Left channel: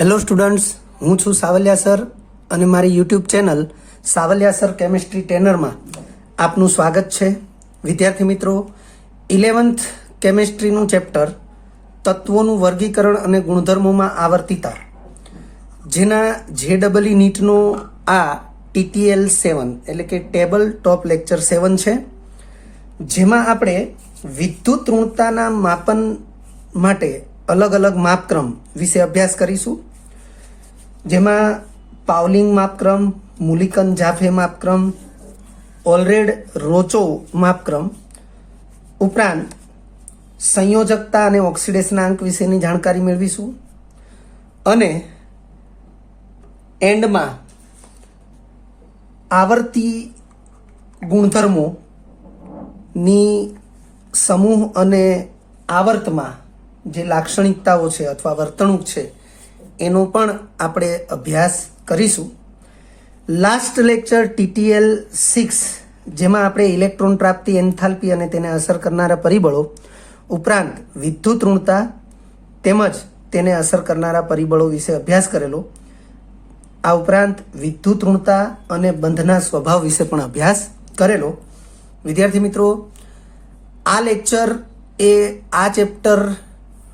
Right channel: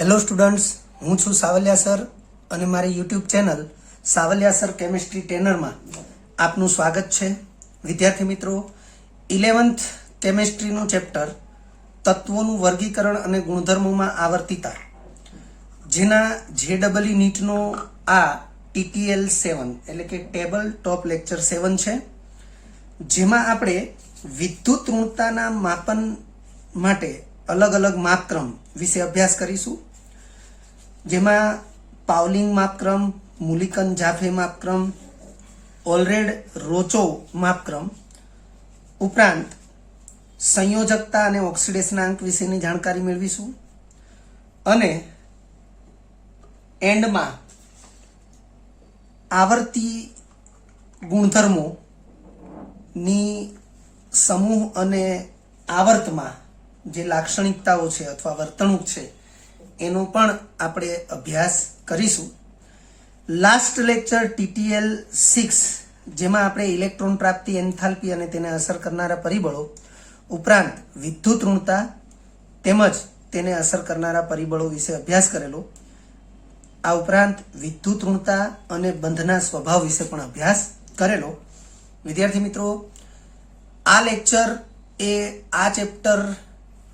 Hello students, હું છું Savaliya sir અને મારી YouTube channel Savaliya sir chemistry ટ્રેનરમાં આપનું સ્વાગત છે. વિદ્યાર્થી મિત્રો, 11th કેમિસ્ટ્રીનું ચેપ્ટર તત્વોનું વર્ગીકરણ અને ગુણધર્મોમાં આવર્તિતા, જેના JEE નીટનો આ TTL 7 એટલે કે ટેબલ ટોપ લેક્ચર 7 છે, જેમાં આપણે વિદ્યુત ઋણતાના માપન માટે અલગ અલગ માપક્રમ વિશે અભ્યાસ કરીશું. જેમાં પાઉલિંગ માપક્રમ, મુલિકન જાફે માપક્રમ, ઓલરેડ રોચોવ માપક્રમ ઉપરાંત સંયોજકતા અને ઓક્સિડેશનાંક વિશેની જાણકારી મેળવીશું. અને એન્ડમાં આવર્તી ગુણધર્મોની સમૂહ અને આવર્તમાં જે લાક્ષણિકતાઓ છે અથવા વર્તણૂક છે એનો પણ આપણે અભ્યાસ કરીશું. લાસ્ટ લેક્ચર TTL 6, જેમાં આપણે ઇલેક્ટ્રોન પ્રાપ્તિ, એન્થાલ્પી અને તેને અસર કરનારા પરિબળો ઉપરાંત વિદ્યુત ઋણતા તેમજ તેને અસર કરનારા પરિબળો વિશે અભ્યાસ કરેલો. આ ઉપરાંત વિદ્યુત ઋણતા અને બંધના સ્વભાવ વિશે પણ અભ્યાસ કરેલો. વિદ્યાર્થી મિત્રો, આ લેક્ચર એ આ ચેપ્ટર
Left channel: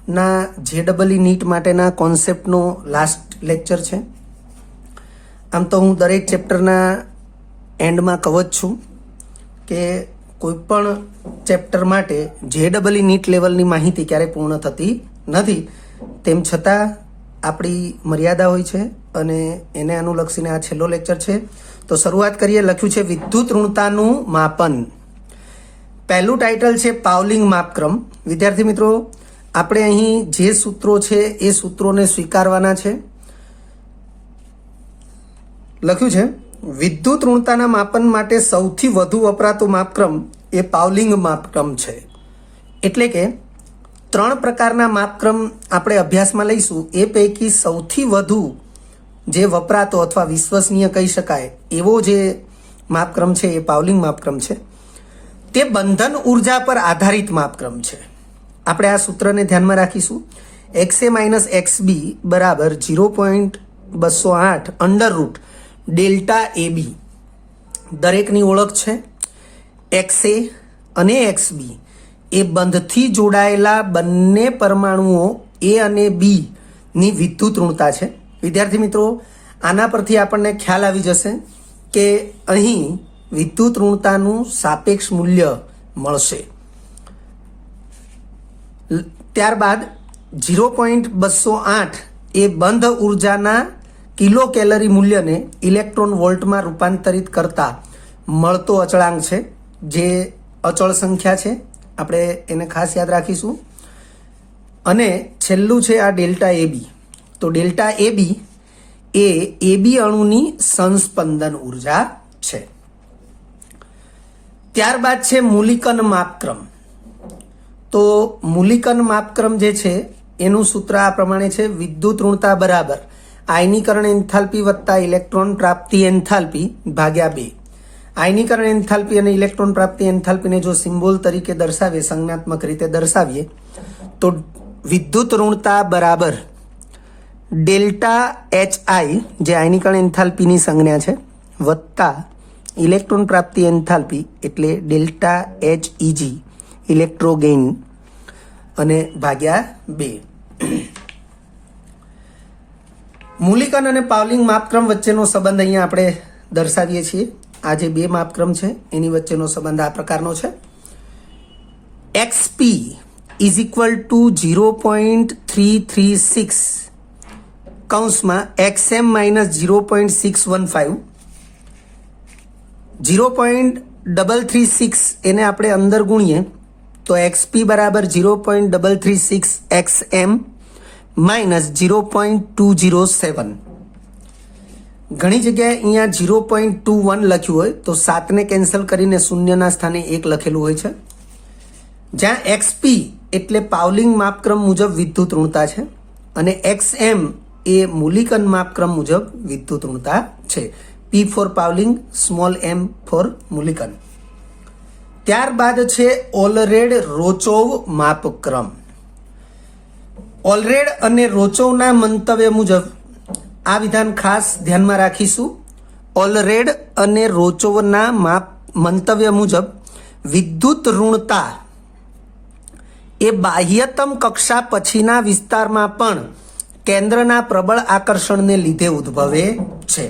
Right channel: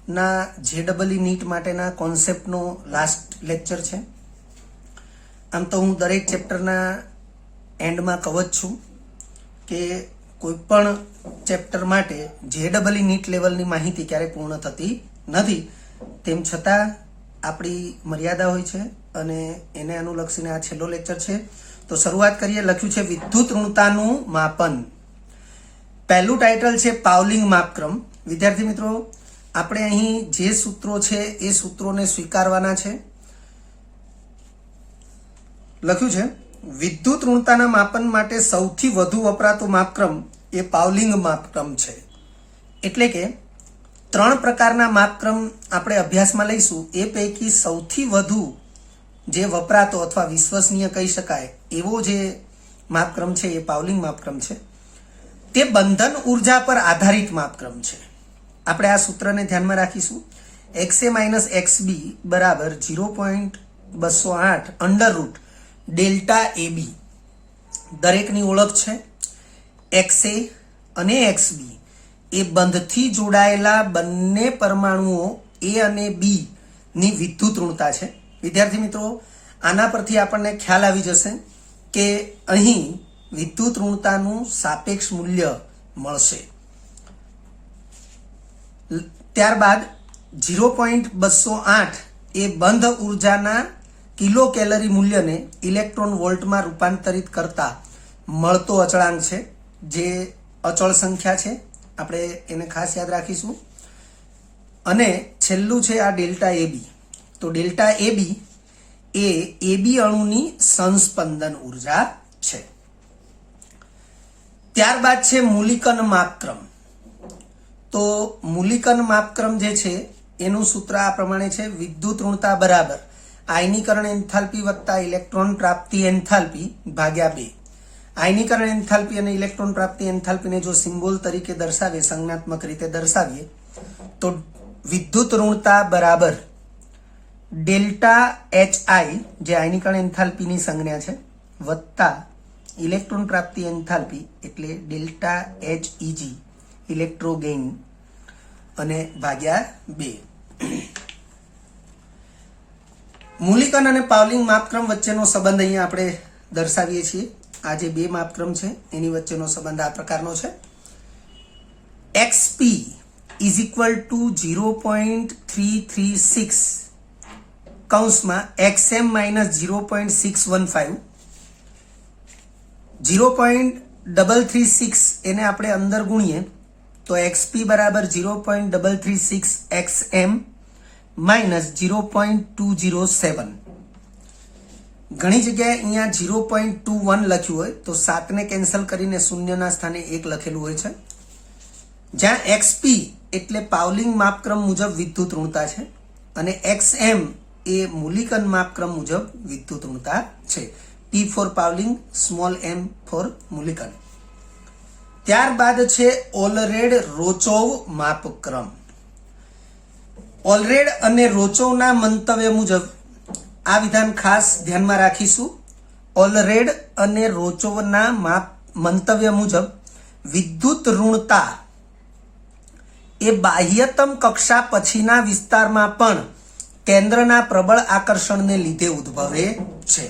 ના JEE નીટ માટેના કોન્સેપ્ટનો લાસ્ટ લેક્ચર છે. આમ તો હું દરેક ચેપ્ટરના એન્ડમાં કહું જ છું કે કોઈ પણ ચેપ્ટર માટે JEE નીટ લેવલની માહિતી ક્યારેય પૂર્ણ થતી નથી. તેમ છતાં આપણી મર્યાદા હોય છે અને એને અનુલક્ષીને આ છેલ્લો લેક્ચર છે. તો શરૂઆત કરીએ. લખ્યું છે વિદ્યુત ઋણતાનું માપન. પહેલું ટાઇટલ છે પાઉલિંગ માપક્રમ. વિદ્યાર્થી મિત્રો, આપણે અહીં જે સૂત્રો છે એ સૂત્રોને સ્વીકારવાના છે. લખ્યું છે વિદ્યુત ઋણતાના માપન માટે સૌથી વધુ વપરાતો માપક્રમ એ પાઉલિંગ માપક્રમ છે. એટલે કે 3 પ્રકારના માપક્રમ આપણે અભ્યાસમાં લઈશું. એ પૈકી સૌથી વધુ જે વપરાતો અથવા વિશ્વસનીય કહી શકાય એવો જે માપક્રમ છે એ પાઉલિંગ માપક્રમ છે. તે બંધન ઉર્જા પર આધારિત માપક્રમ છે. આપણે આ સૂત્રને ધ્યાનમાં રાખીશું. XA - XB બરાબર 0.208 અંડર રૂટ ડેલ્ટા AB. દરેકની ઓળખ છે. XA અને XB એ બંધથી જોડાયેલા બંને પરમાણુઓ A અને B ની વિદ્યુત ઋણતા છે. વિદ્યાર્થી મિત્રો, આના પરથી આપણને ખ્યાલ આવી જશે કે અહીં વિદ્યુત ઋણતાનું સાપેક્ષ મૂલ્ય મળશે. ત્યારબાદ 0.208 એ બંધ ઉર્જાના કિલો કેલરી મૂલ્યને ઇલેક્ટ્રોન વોલ્ટમાં રૂપાંતરિત કરતા મળતો અચળાંક છે, જે અચળ સંખ્યા છે. આપણે એને ખાસ યાદ રાખીશું. અને છેલ્લું છે આ ડેલ્ટા AB. તો ડેલ્ટા AB એ AB અણુની સંસ્પંદન ઉર્જા છે. ત્યારબાદ છે મુલિકન માપક્રમ. તો મુલિકન માપક્રમ જે છે એનું સૂત્ર આ પ્રમાણે છે. વિદ્યુત ઋણતા બરાબર આયનીકરણ એન્થાલ્પી વત્તા ઇલેક્ટ્રોન પ્રાપ્તિ એન્થાલ્પી ભાગ્યા 2. આયનીકરણ એન્થાલ્પી અને ઇલેક્ટ્રોન પ્રાપ્તિ એન્થાલ્પીને જો સિમ્બોલ તરીકે દર્શાવીએ, સંજ્ઞાત્મક રીતે દર્શાવીએ, તો વિદ્યુત ઋણતા બરાબર ડેલ્ટા HI જે આયનીકરણ એન્થાલ્પીની સંજ્ઞા છે વત્તા ઇલેક્ટ્રોન પ્રાપ્તિ એન્થાલ્પી એટલે ડેલ્ટા HEG ઇલેક્ટ્રોગેઇન અને ભાગ્યા 2. મુલિકન અને પાઉલિંગ માપક્રમ વચ્ચેનો સંબંધ અહીંયા આપણે દર્શાવીએ છીએ. આ જે 2 માપક્રમ છે એની વચ્ચેનો સંબંધ આ પ્રકારનો છે. XP ઇઝ ઇક્વલ ટુ 0.336 કૌંસમાં XM - 0.615. 0.336 એને આપણે અંદર ગુણીએ તો XP બરાબર 0.336 XM માઇનસ 0.207. ઘણી જગ્યાએ અહીંયા 0.21 લખ્યું હોય તો 7ને કેન્સલ કરીને શૂન્યના સ્થાને 1 લખેલું હોય છે. જ્યાં XP એટલે પાઉલિંગ માપક્રમ મુજબ વિદ્યુત ઋણતા છે અને XM એ મુલિકન માપક્રમ મુજબ વિદ્યુત ઋણતા છે. P for Pauling, small m for Mulliken. ત્યારબાદ છે ઓલરેડ રોચોવ માપક્રમ. ઓલરેડ અને રોચોવના મંતવ્ય મુજબ આ વિધાન ખાસ ધ્યાનમાં રાખીશું. ઓલરેડ અને રોચોવના મંતવ્ય મુજબ વિદ્યુત ઋણતા એ બાહ્યતમ કક્ષા પછીના વિસ્તારમાં પણ કેન્દ્રના પ્રબળ આકર્ષણને લીધે ઉદ્ભવે છે.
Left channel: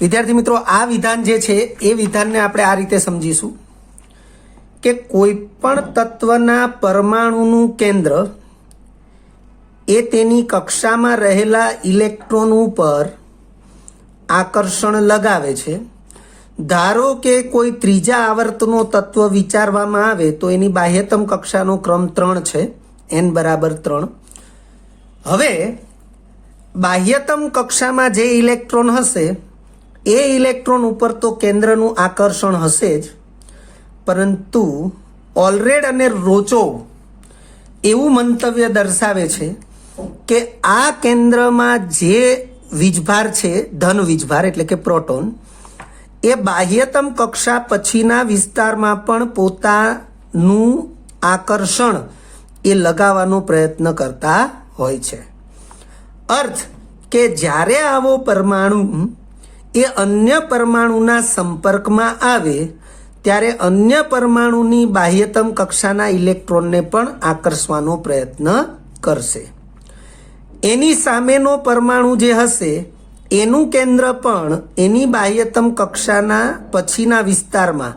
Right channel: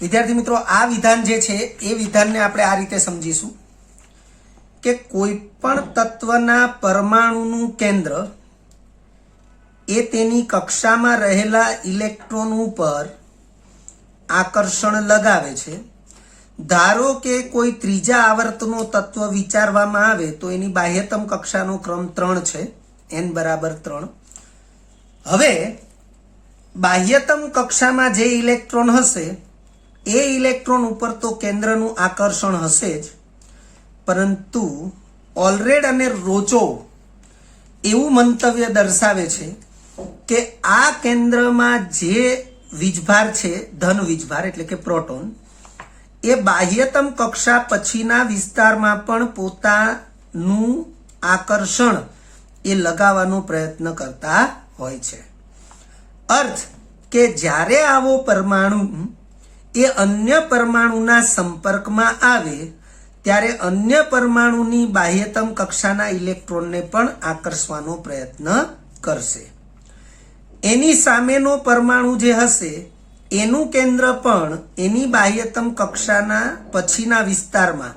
વિદ્યાર્થી મિત્રો, આ વિધાન જે છે એ વિધાનને આપણે આ રીતે સમજીશું કે કોઈ પણ તત્વના પરમાણુનું કેન્દ્ર એ તેની કક્ષામાં રહેલા ઇલેક્ટ્રોન ઉપર આકર્ષણ લગાવે છે. ધારો કે કોઈ ત્રીજા આવર્તનો તત્વ વિચારવામાં આવે તો એની બાહ્યતમ કક્ષાનો ક્રમ 3 છે, n બરાબર 3. હવે બાહ્યતમ કક્ષામાં જે ઇલેક્ટ્રોન હશે એ ઇલેક્ટ્રોન ઉપર તો કેન્દ્રનું આકર્ષણ હશે જ, પરંતુ ઓલરેડ અને રોચોવ એવું મંતવ્ય દર્શાવે છે કે આ કેન્દ્રમાં જે વીજભાર છે, ધન વીજભાર એટલે કે પ્રોટોન, એ બાહ્યતમ કક્ષા પછીના વિસ્તારમાં પણ પોતાનું આકર્ષણ એ લગાવવાનો પ્રયત્ન કરતા હોય છે. અર્થ કે જ્યારે આવો પરમાણુ એ અન્ય પરમાણુના સંપર્કમાં આવે ત્યારે અન્ય પરમાણુની બાહ્યતમ કક્ષાના ઇલેક્ટ્રોનને પણ આકર્ષવાનો પ્રયત્ન કરશે. એની સામેનો પરમાણુ જે હશે એનું કેન્દ્ર પણ એની બાહ્યતમ કક્ષાના પછીના વિસ્તારમાં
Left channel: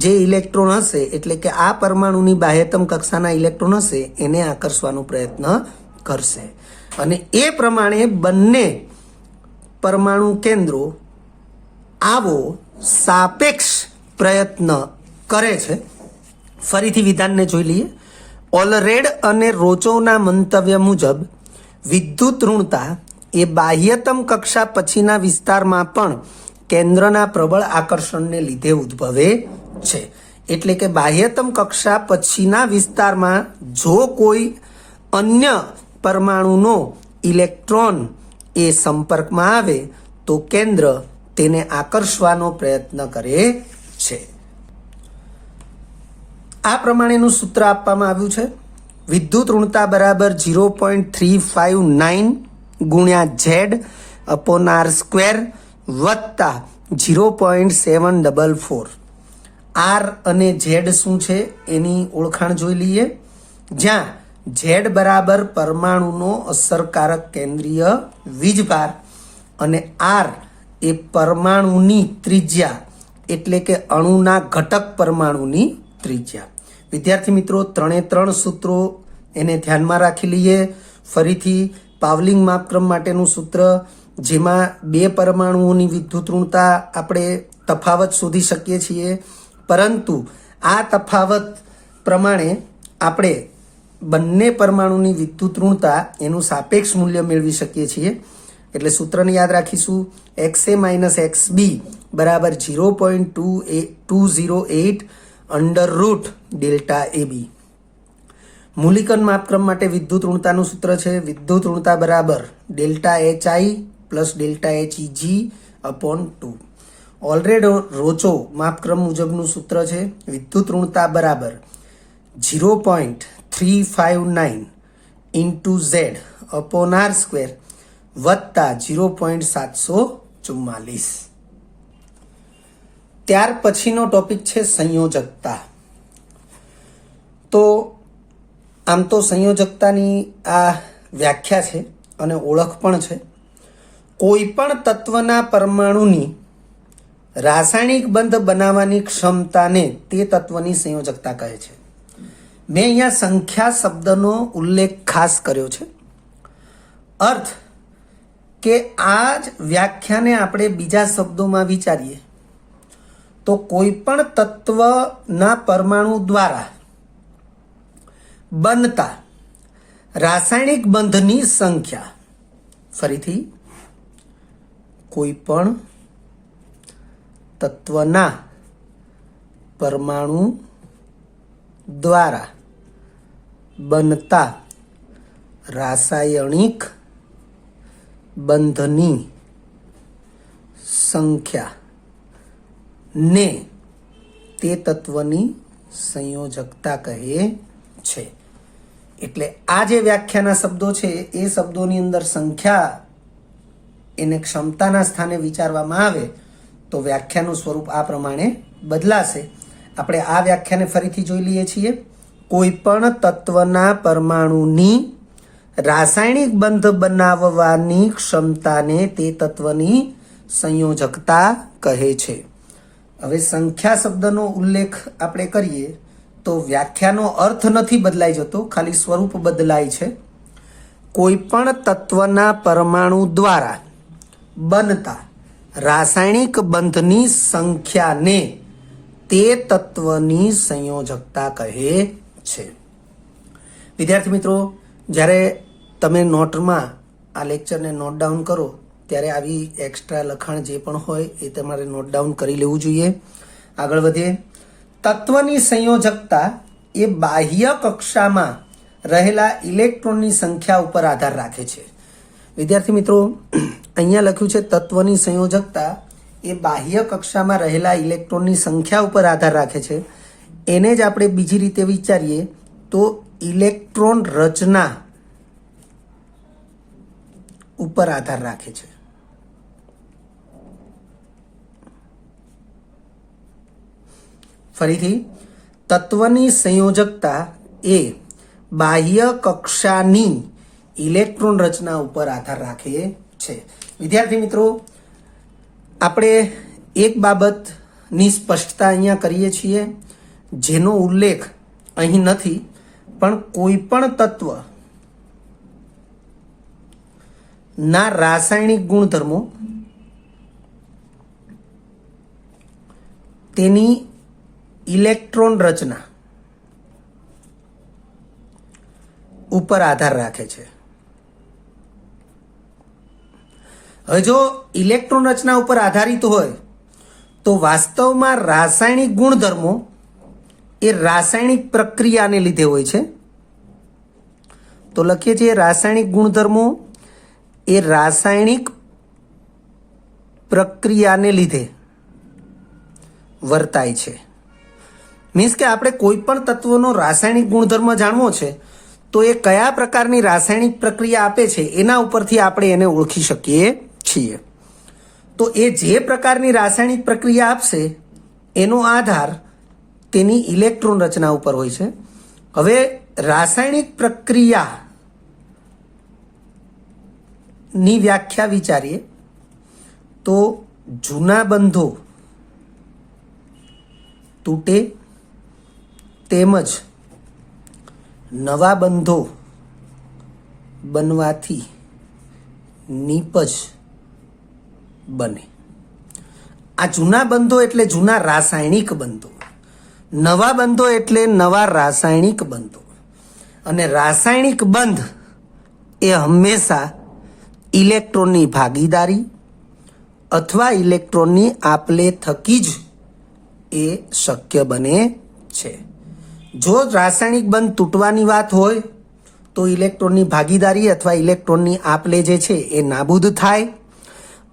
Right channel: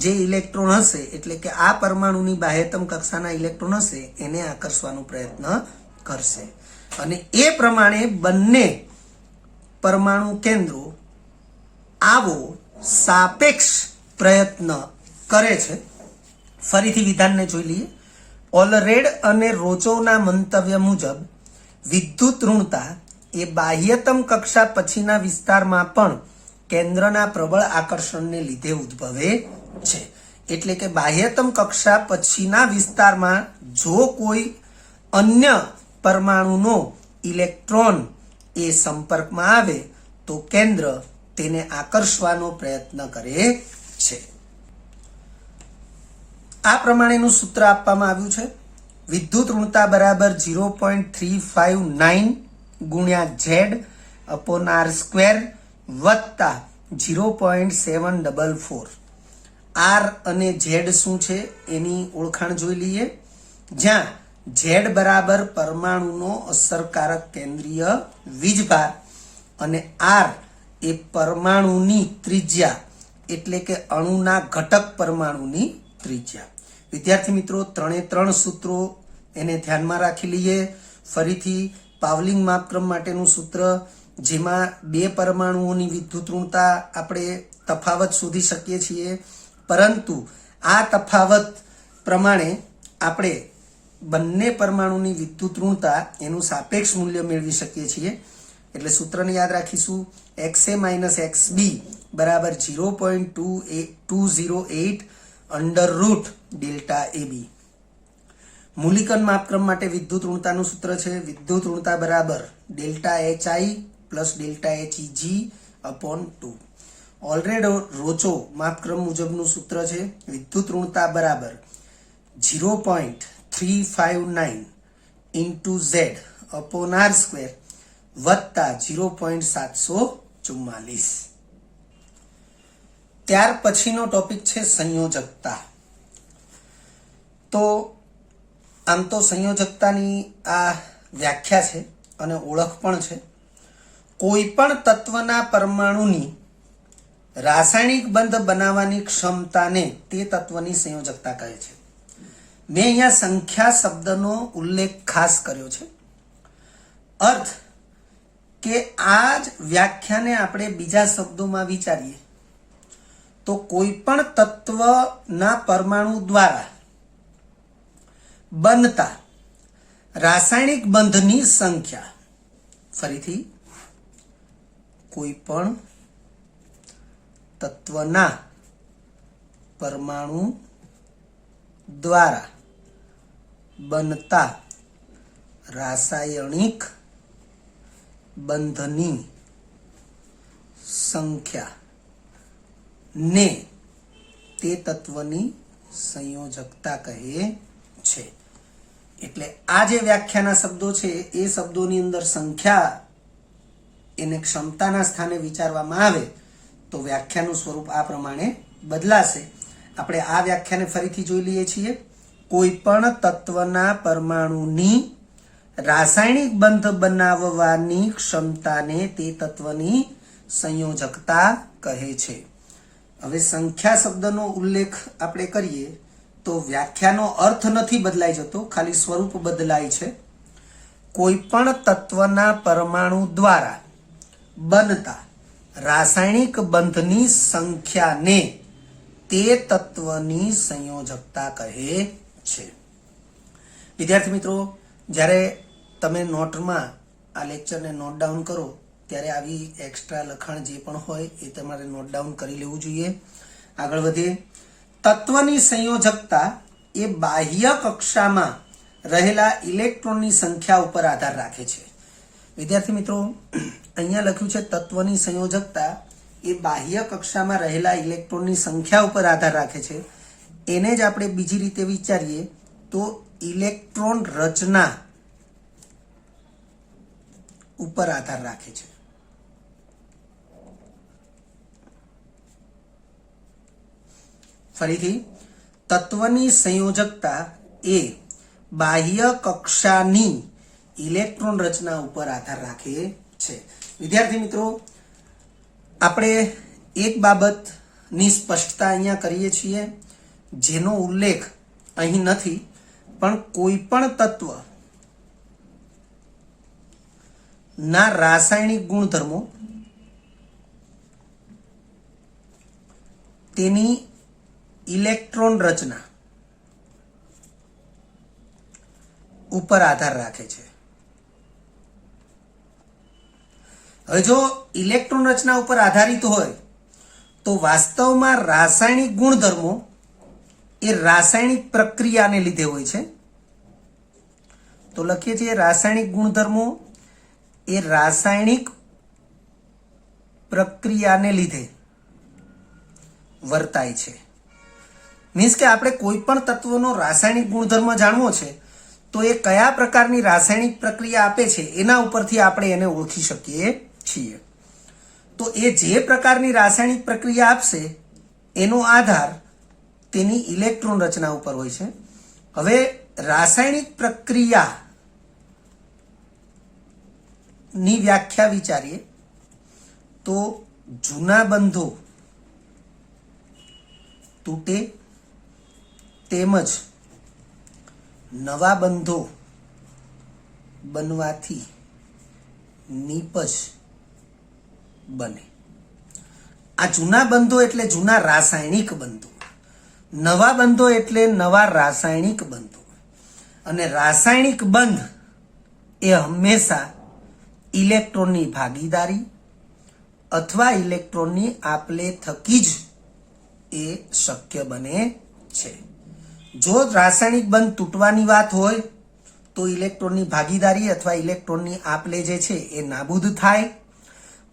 જે ઇલેક્ટ્રોન હશે, એટલે કે આ પરમાણુની બાહ્યતમ કક્ષાના ઇલેક્ટ્રોન હશે, એને આકર્ષવાનો પ્રયત્ન કરશે. અને એ પ્રમાણે બંને પરમાણુ કેન્દ્રો આવો સાપેક્ષ પ્રયત્ન કરે છે. ફરીથી વિધાનને જોઈ લઈએ. ઓલરેડ અને રોચોવના મંતવ્ય મુજબ વિદ્યુત ઋણતા એ બાહ્યતમ કક્ષા પછીના વિસ્તારમાં પણ કેન્દ્રના પ્રબળ આકર્ષણને લીધે ઉદ્ભવે છે. એટલે કે બાહ્યતમ કક્ષા પછીના વિસ્તારમાં જો કોઈ અન્ય પરમાણુનો ઇલેક્ટ્રોન એ સંપર્કમાં આવે તો કેન્દ્ર તેને આકર્ષવાનો પ્રયત્ન કરે છે. આ પ્રમાણેનું સૂત્ર આપવામાં આવ્યું છે. વિદ્યુત ઋણતા બરાબર 0.359 ગુણ્યા Z અપોન R² વત્તા 0.744. R અને Z શું છે એની ઓળખાણ જોઈ લઈએ. જ્યાં Z બરાબર પરમાણુનો અસરકારક કેન્દ્રીય વીજભાર અને R એ પરમાણુની ત્રિજ્યા એટલે કે અણુના ઘટક પરમાણુની ત્રિજ્યા. વિદ્યાર્થી મિત્રો, 3 સૂત્રો એને ધ્યાનમાં રાખી લઈએ. ફરીથી પાવલિંગ માપક્રમ માટેનું સૂત્ર, જેમાં 2 પરમાણુઓની વિદ્યુત ઋણતા આપણે તફાવત શોધી શકીએ છીએ, પરંતુ આ તફાવત પ્રમાણે આપણે બંને પરમાણુની વિદ્યુત ઋણતા એનું સાપેક્ષ મૂલ્ય મેળવી શકીએ છીએ. એટલે સૂત્રને યાદ રાખીશું. XA - XB બરાબર 0.208 √delta AB. મૂલિકન માપક્રમ માટે વિદ્યુત ઋણતાનું સૂત્ર છે વિદ્યુત ઋણતા બરાબર delta HI plus delta HEG upon 2. ઓલરેડ રોચો માપક્રમ મુજબનું સૂત્ર છે વિદ્યુત ઋણતા બરાબર 0.359 ઇન્ટુ Z અપોન R² વત્તા 0.744. ત્યાર પછીનો ટોપિક છે સંયોજકતા. તો આમ તો સંયોજકતાની આ વ્યાખ્યા છે અને ઓળખ પણ છે. કોઈ પણ તત્વના પરમાણુની રાસાયણિક બંધ બનાવવાની ક્ષમતાને તે તત્વની સંયોજકતા કહે છે. મેં અહીંયા સંખ્યા શબ્દનો ઉલ્લેખ ખાસ કર્યો છે. અર્થ કે આ જ વ્યાખ્યાને આપણે બીજા શબ્દોમાં વિચારીએ તો કોઈ પણ તત્વના પરમાણુ દ્વારા બનતા રાસાયણિક બંધની સંખ્યા, ફરીથી કોઈ પણ તત્વના પરમાણુ દ્વારા બનતા રાસાયણિક બંધની સંખ્યા ને તે તત્વની સંયોજકતા કહે છે. એટલે આ જે વ્યાખ્યાના શબ્દો છે એ શબ્દોની અંદર સંખ્યા એને ક્ષમતાના સ્થાને વિચારવામાં આવે તો વ્યાખ્યાનું સ્વરૂપ આ પ્રમાણે બદલાશે. આપણે આ વ્યાખ્યાને ફરીથી જોઈ લઈએ છીએ. કોઈ પણ તત્વના પરમાણુની રાસાયણિક બંધ બનાવવાની ક્ષમતાને તે તત્વની સંયોજકતા કહે છે. હવે સંખ્યા શબ્દનો ઉલ્લેખ આપણે કરીએ તો વ્યાખ્યાનો અર્થ નથી બદલાઈ જતો, ખાલી સ્વરૂપ બદલાય છે. કોઈ પણ તત્વના પરમાણુ દ્વારા બનતા રાસાયણિક બંધની સંખ્યાને તે તત્વની સંયોજકતા કહે છે. વિદ્યાર્થી મિત્રો, જ્યારે તમે નોટમાં આ લેક્ચરને નોટ ડાઉન કરો ત્યારે આવી એક્સ્ટ્રા લખાણ જે પણ હોય એ તમારે નોટ ડાઉન કરી લેવું જોઈએ. આગળ વધીએ. તત્વની સંયોજકતા એ બાહ્ય કક્ષામાં રહેલા ઇલેક્ટ્રોનની સંખ્યા ઉપર આધાર રાખે છે. વિદ્યાર્થી મિત્રો, અહીંયા લખ્યું છે તત્વની સંયોજકતા એ બાહ્ય કક્ષામાં રહેલા ઇલેક્ટ્રોનની સંખ્યા ઉપર આધાર રાખે છે. એને જ આપણે બીજી રીતે વિચારીએ તો ઇલેક્ટ્રોન રચના ઉપર આધાર રાખે છે. ફરીથી, તત્વની સંયોજકતા એ બાહ્ય કક્ષાની ઇલેક્ટ્રોન રચના ઉપર આધાર રાખે છે. વિદ્યાર્થી મિત્રો, આપણે એક બાબતની સ્પષ્ટતા અહીંયા કરીએ છીએ જેનો ઉલ્લેખ અહીં નથી, પણ કોઈ પણ તત્વ ના રાસાયણિક ગુણધર્મો તેની ઇલેક્ટ્રોન રચના ઉપર આધાર રાખે છે. હવે જો ઇલેક્ટ્રોન રચના ઉપર આધારિત હોય તો વાસ્તવમાં રાસાયણિક ગુણધર્મો એ રાસાયણિક પ્રક્રિયાને લીધે હોય છે. તો લખીએ છીએ રાસાયણિક ગુણધર્મો એ રાસાયણિક પ્રક્રિયાને લીધે વર્તાય છે. મીન્સ કે આપણે કોઈ પણ તત્વનો રાસાયણિક ગુણધર્મ જાણવો છે તો એ કયા પ્રકારની રાસાયણિક પ્રક્રિયા આપે છે એના ઉપરથી આપણે એને ઓળખી શકીએ છીએ. તો એ જે પ્રકારની રાસાયણિક પ્રક્રિયા આપશે એનો આધાર તેની ઇલેક્ટ્રોન રચના ઉપર હોય છે. હવે રાસાયણિક પ્રક્રિયા ની વ્યાખ્યા વિચારીએ તો જૂના બંધો તૂટે તેમજ નવા બંધો બનવાથી નીપજ બને. આ જૂના બંધો એટલે જૂના રાસાયણિક બંધો, નવા બંધો એટલે નવા રાસાયણિક બંધો. અને રાસાયણિક બંધ એ હંમેશા ઇલેક્ટ્રોનની ભાગીદારી અથવા ઇલેક્ટ્રોનની આપલે થકી જ એ શક્ય બને છે. જો રાસાયણિક બંધ તૂટવાની વાત હોય તો ઇલેક્ટ્રોનની ભાગીદારી અથવા ઇલેક્ટ્રોનની આપલે જે છે એ નાબૂદ થાય,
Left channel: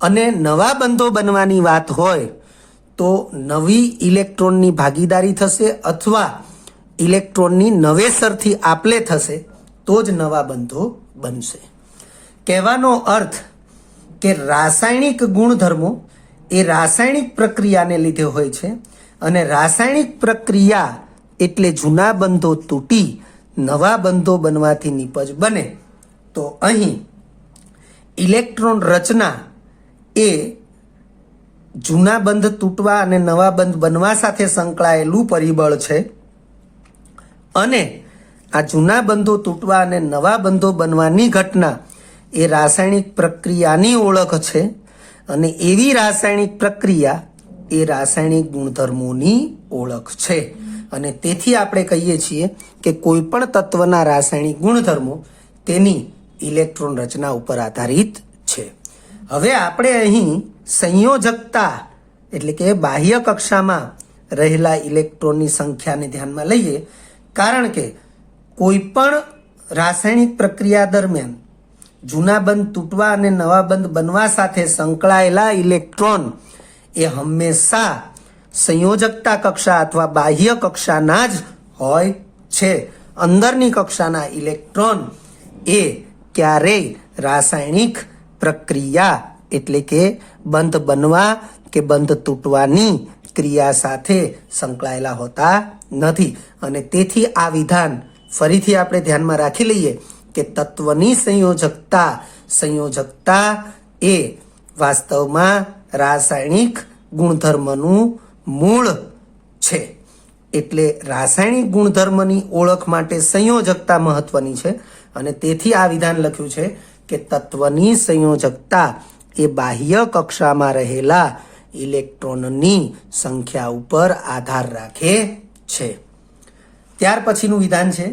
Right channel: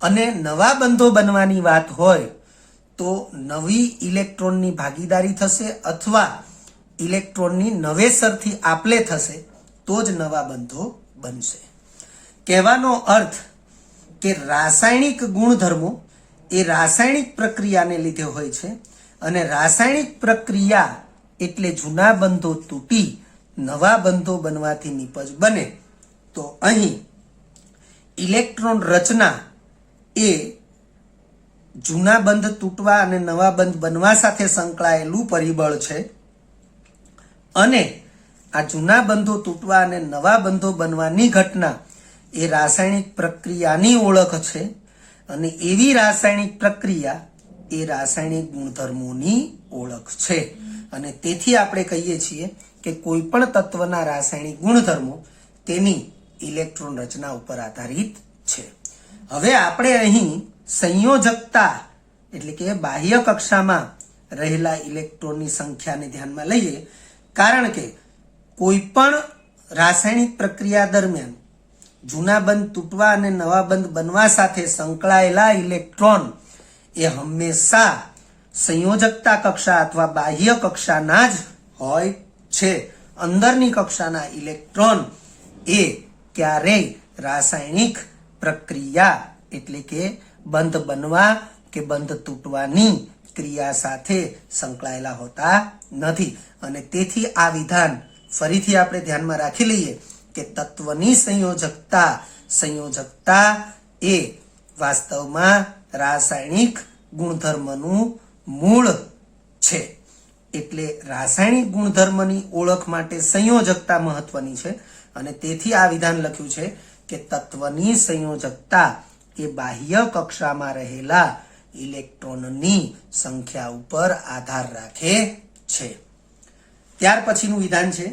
અને નવા બંધો બનવાની વાત હોય તો નવી ઇલેક્ટ્રોનની ભાગીદારી થશે અથવા ઇલેક્ટ્રોનની નવેસરથી આપલે થશે તો જ નવા બંધો બનશે. કહેવાનો અર્થ કે રાસાયણિક ગુણધર્મો એ રાસાયણિક પ્રક્રિયાને લીધે હોય છે, અને રાસાયણિક પ્રક્રિયા એટલે જૂના બંધો તૂટી નવા બંધો બનવાથી નીપજ બને. તો અહીં ઇલેક્ટ્રોન રચના એ જૂના બંધ તૂટવા અને નવા બંધ બનવા સાથે સંકળાયેલું પરિબળ છે, અને આ જૂના બંધો તૂટવા અને નવા બંધો બનવાની ઘટના એ રાસાયણિક પ્રક્રિયાની ઓળખ છે, અને એવી રાસાયણિક પ્રક્રિયા એ રાસાયણિક ગુણધર્મોની ઓળખ છે. અને તેથી આપણે કહીએ છીએ કે કોઈ પણ તત્વના રાસાયણિક ગુણધર્મો તેની ઇલેક્ટ્રોન રચના ઉપર આધારિત છે. હવે આપણે અહીં સંયોજકતા એટલે કે બાહ્ય કક્ષામાં રહેલા ઇલેક્ટ્રોનની સંખ્યાને ધ્યાનમાં લઈએ, કારણ કે કોઈ પણ રાસાયણિક પ્રક્રિયા દરમિયાન જૂના બંધ તૂટવા અને નવા બંધ બનવા સાથે સંકળાયેલા ઇલેક્ટ્રોન એ હંમેશા સંયોજકતા કક્ષા અથવા બાહ્ય કક્ષાના જ હોય છે. અંદરની કક્ષાના ઇલેક્ટ્રોન એ ક્યારેય રાસાયણિક પ્રક્રિયા એટલે કે બંધ બનવા કે બંધ તૂટવાની ક્રિયા સાથે સંકળાયેલા હોતા નથી. અને તેથી આ વિધાન ફરીથી આપણે ધ્યાનમાં રાખી લઈએ કે તત્વની સંયોજકતા એ વાસ્તવમાં રાસાયણિક ગુણધર્મનું મૂળ છે. એટલે રાસાયણિક ગુણધર્મની ઓળખ માટે સંયોજકતા મહત્વની છે. અને તેથી આ વિધાન લખ્યું છે કે તત્વની સંયોજકતા એ બાહ્ય કક્ષામાં રહેલા ઇલેક્ટ્રોનની સંખ્યા ઉપર આધાર રાખે છે. ત્યાર પછીનું વિધાન છે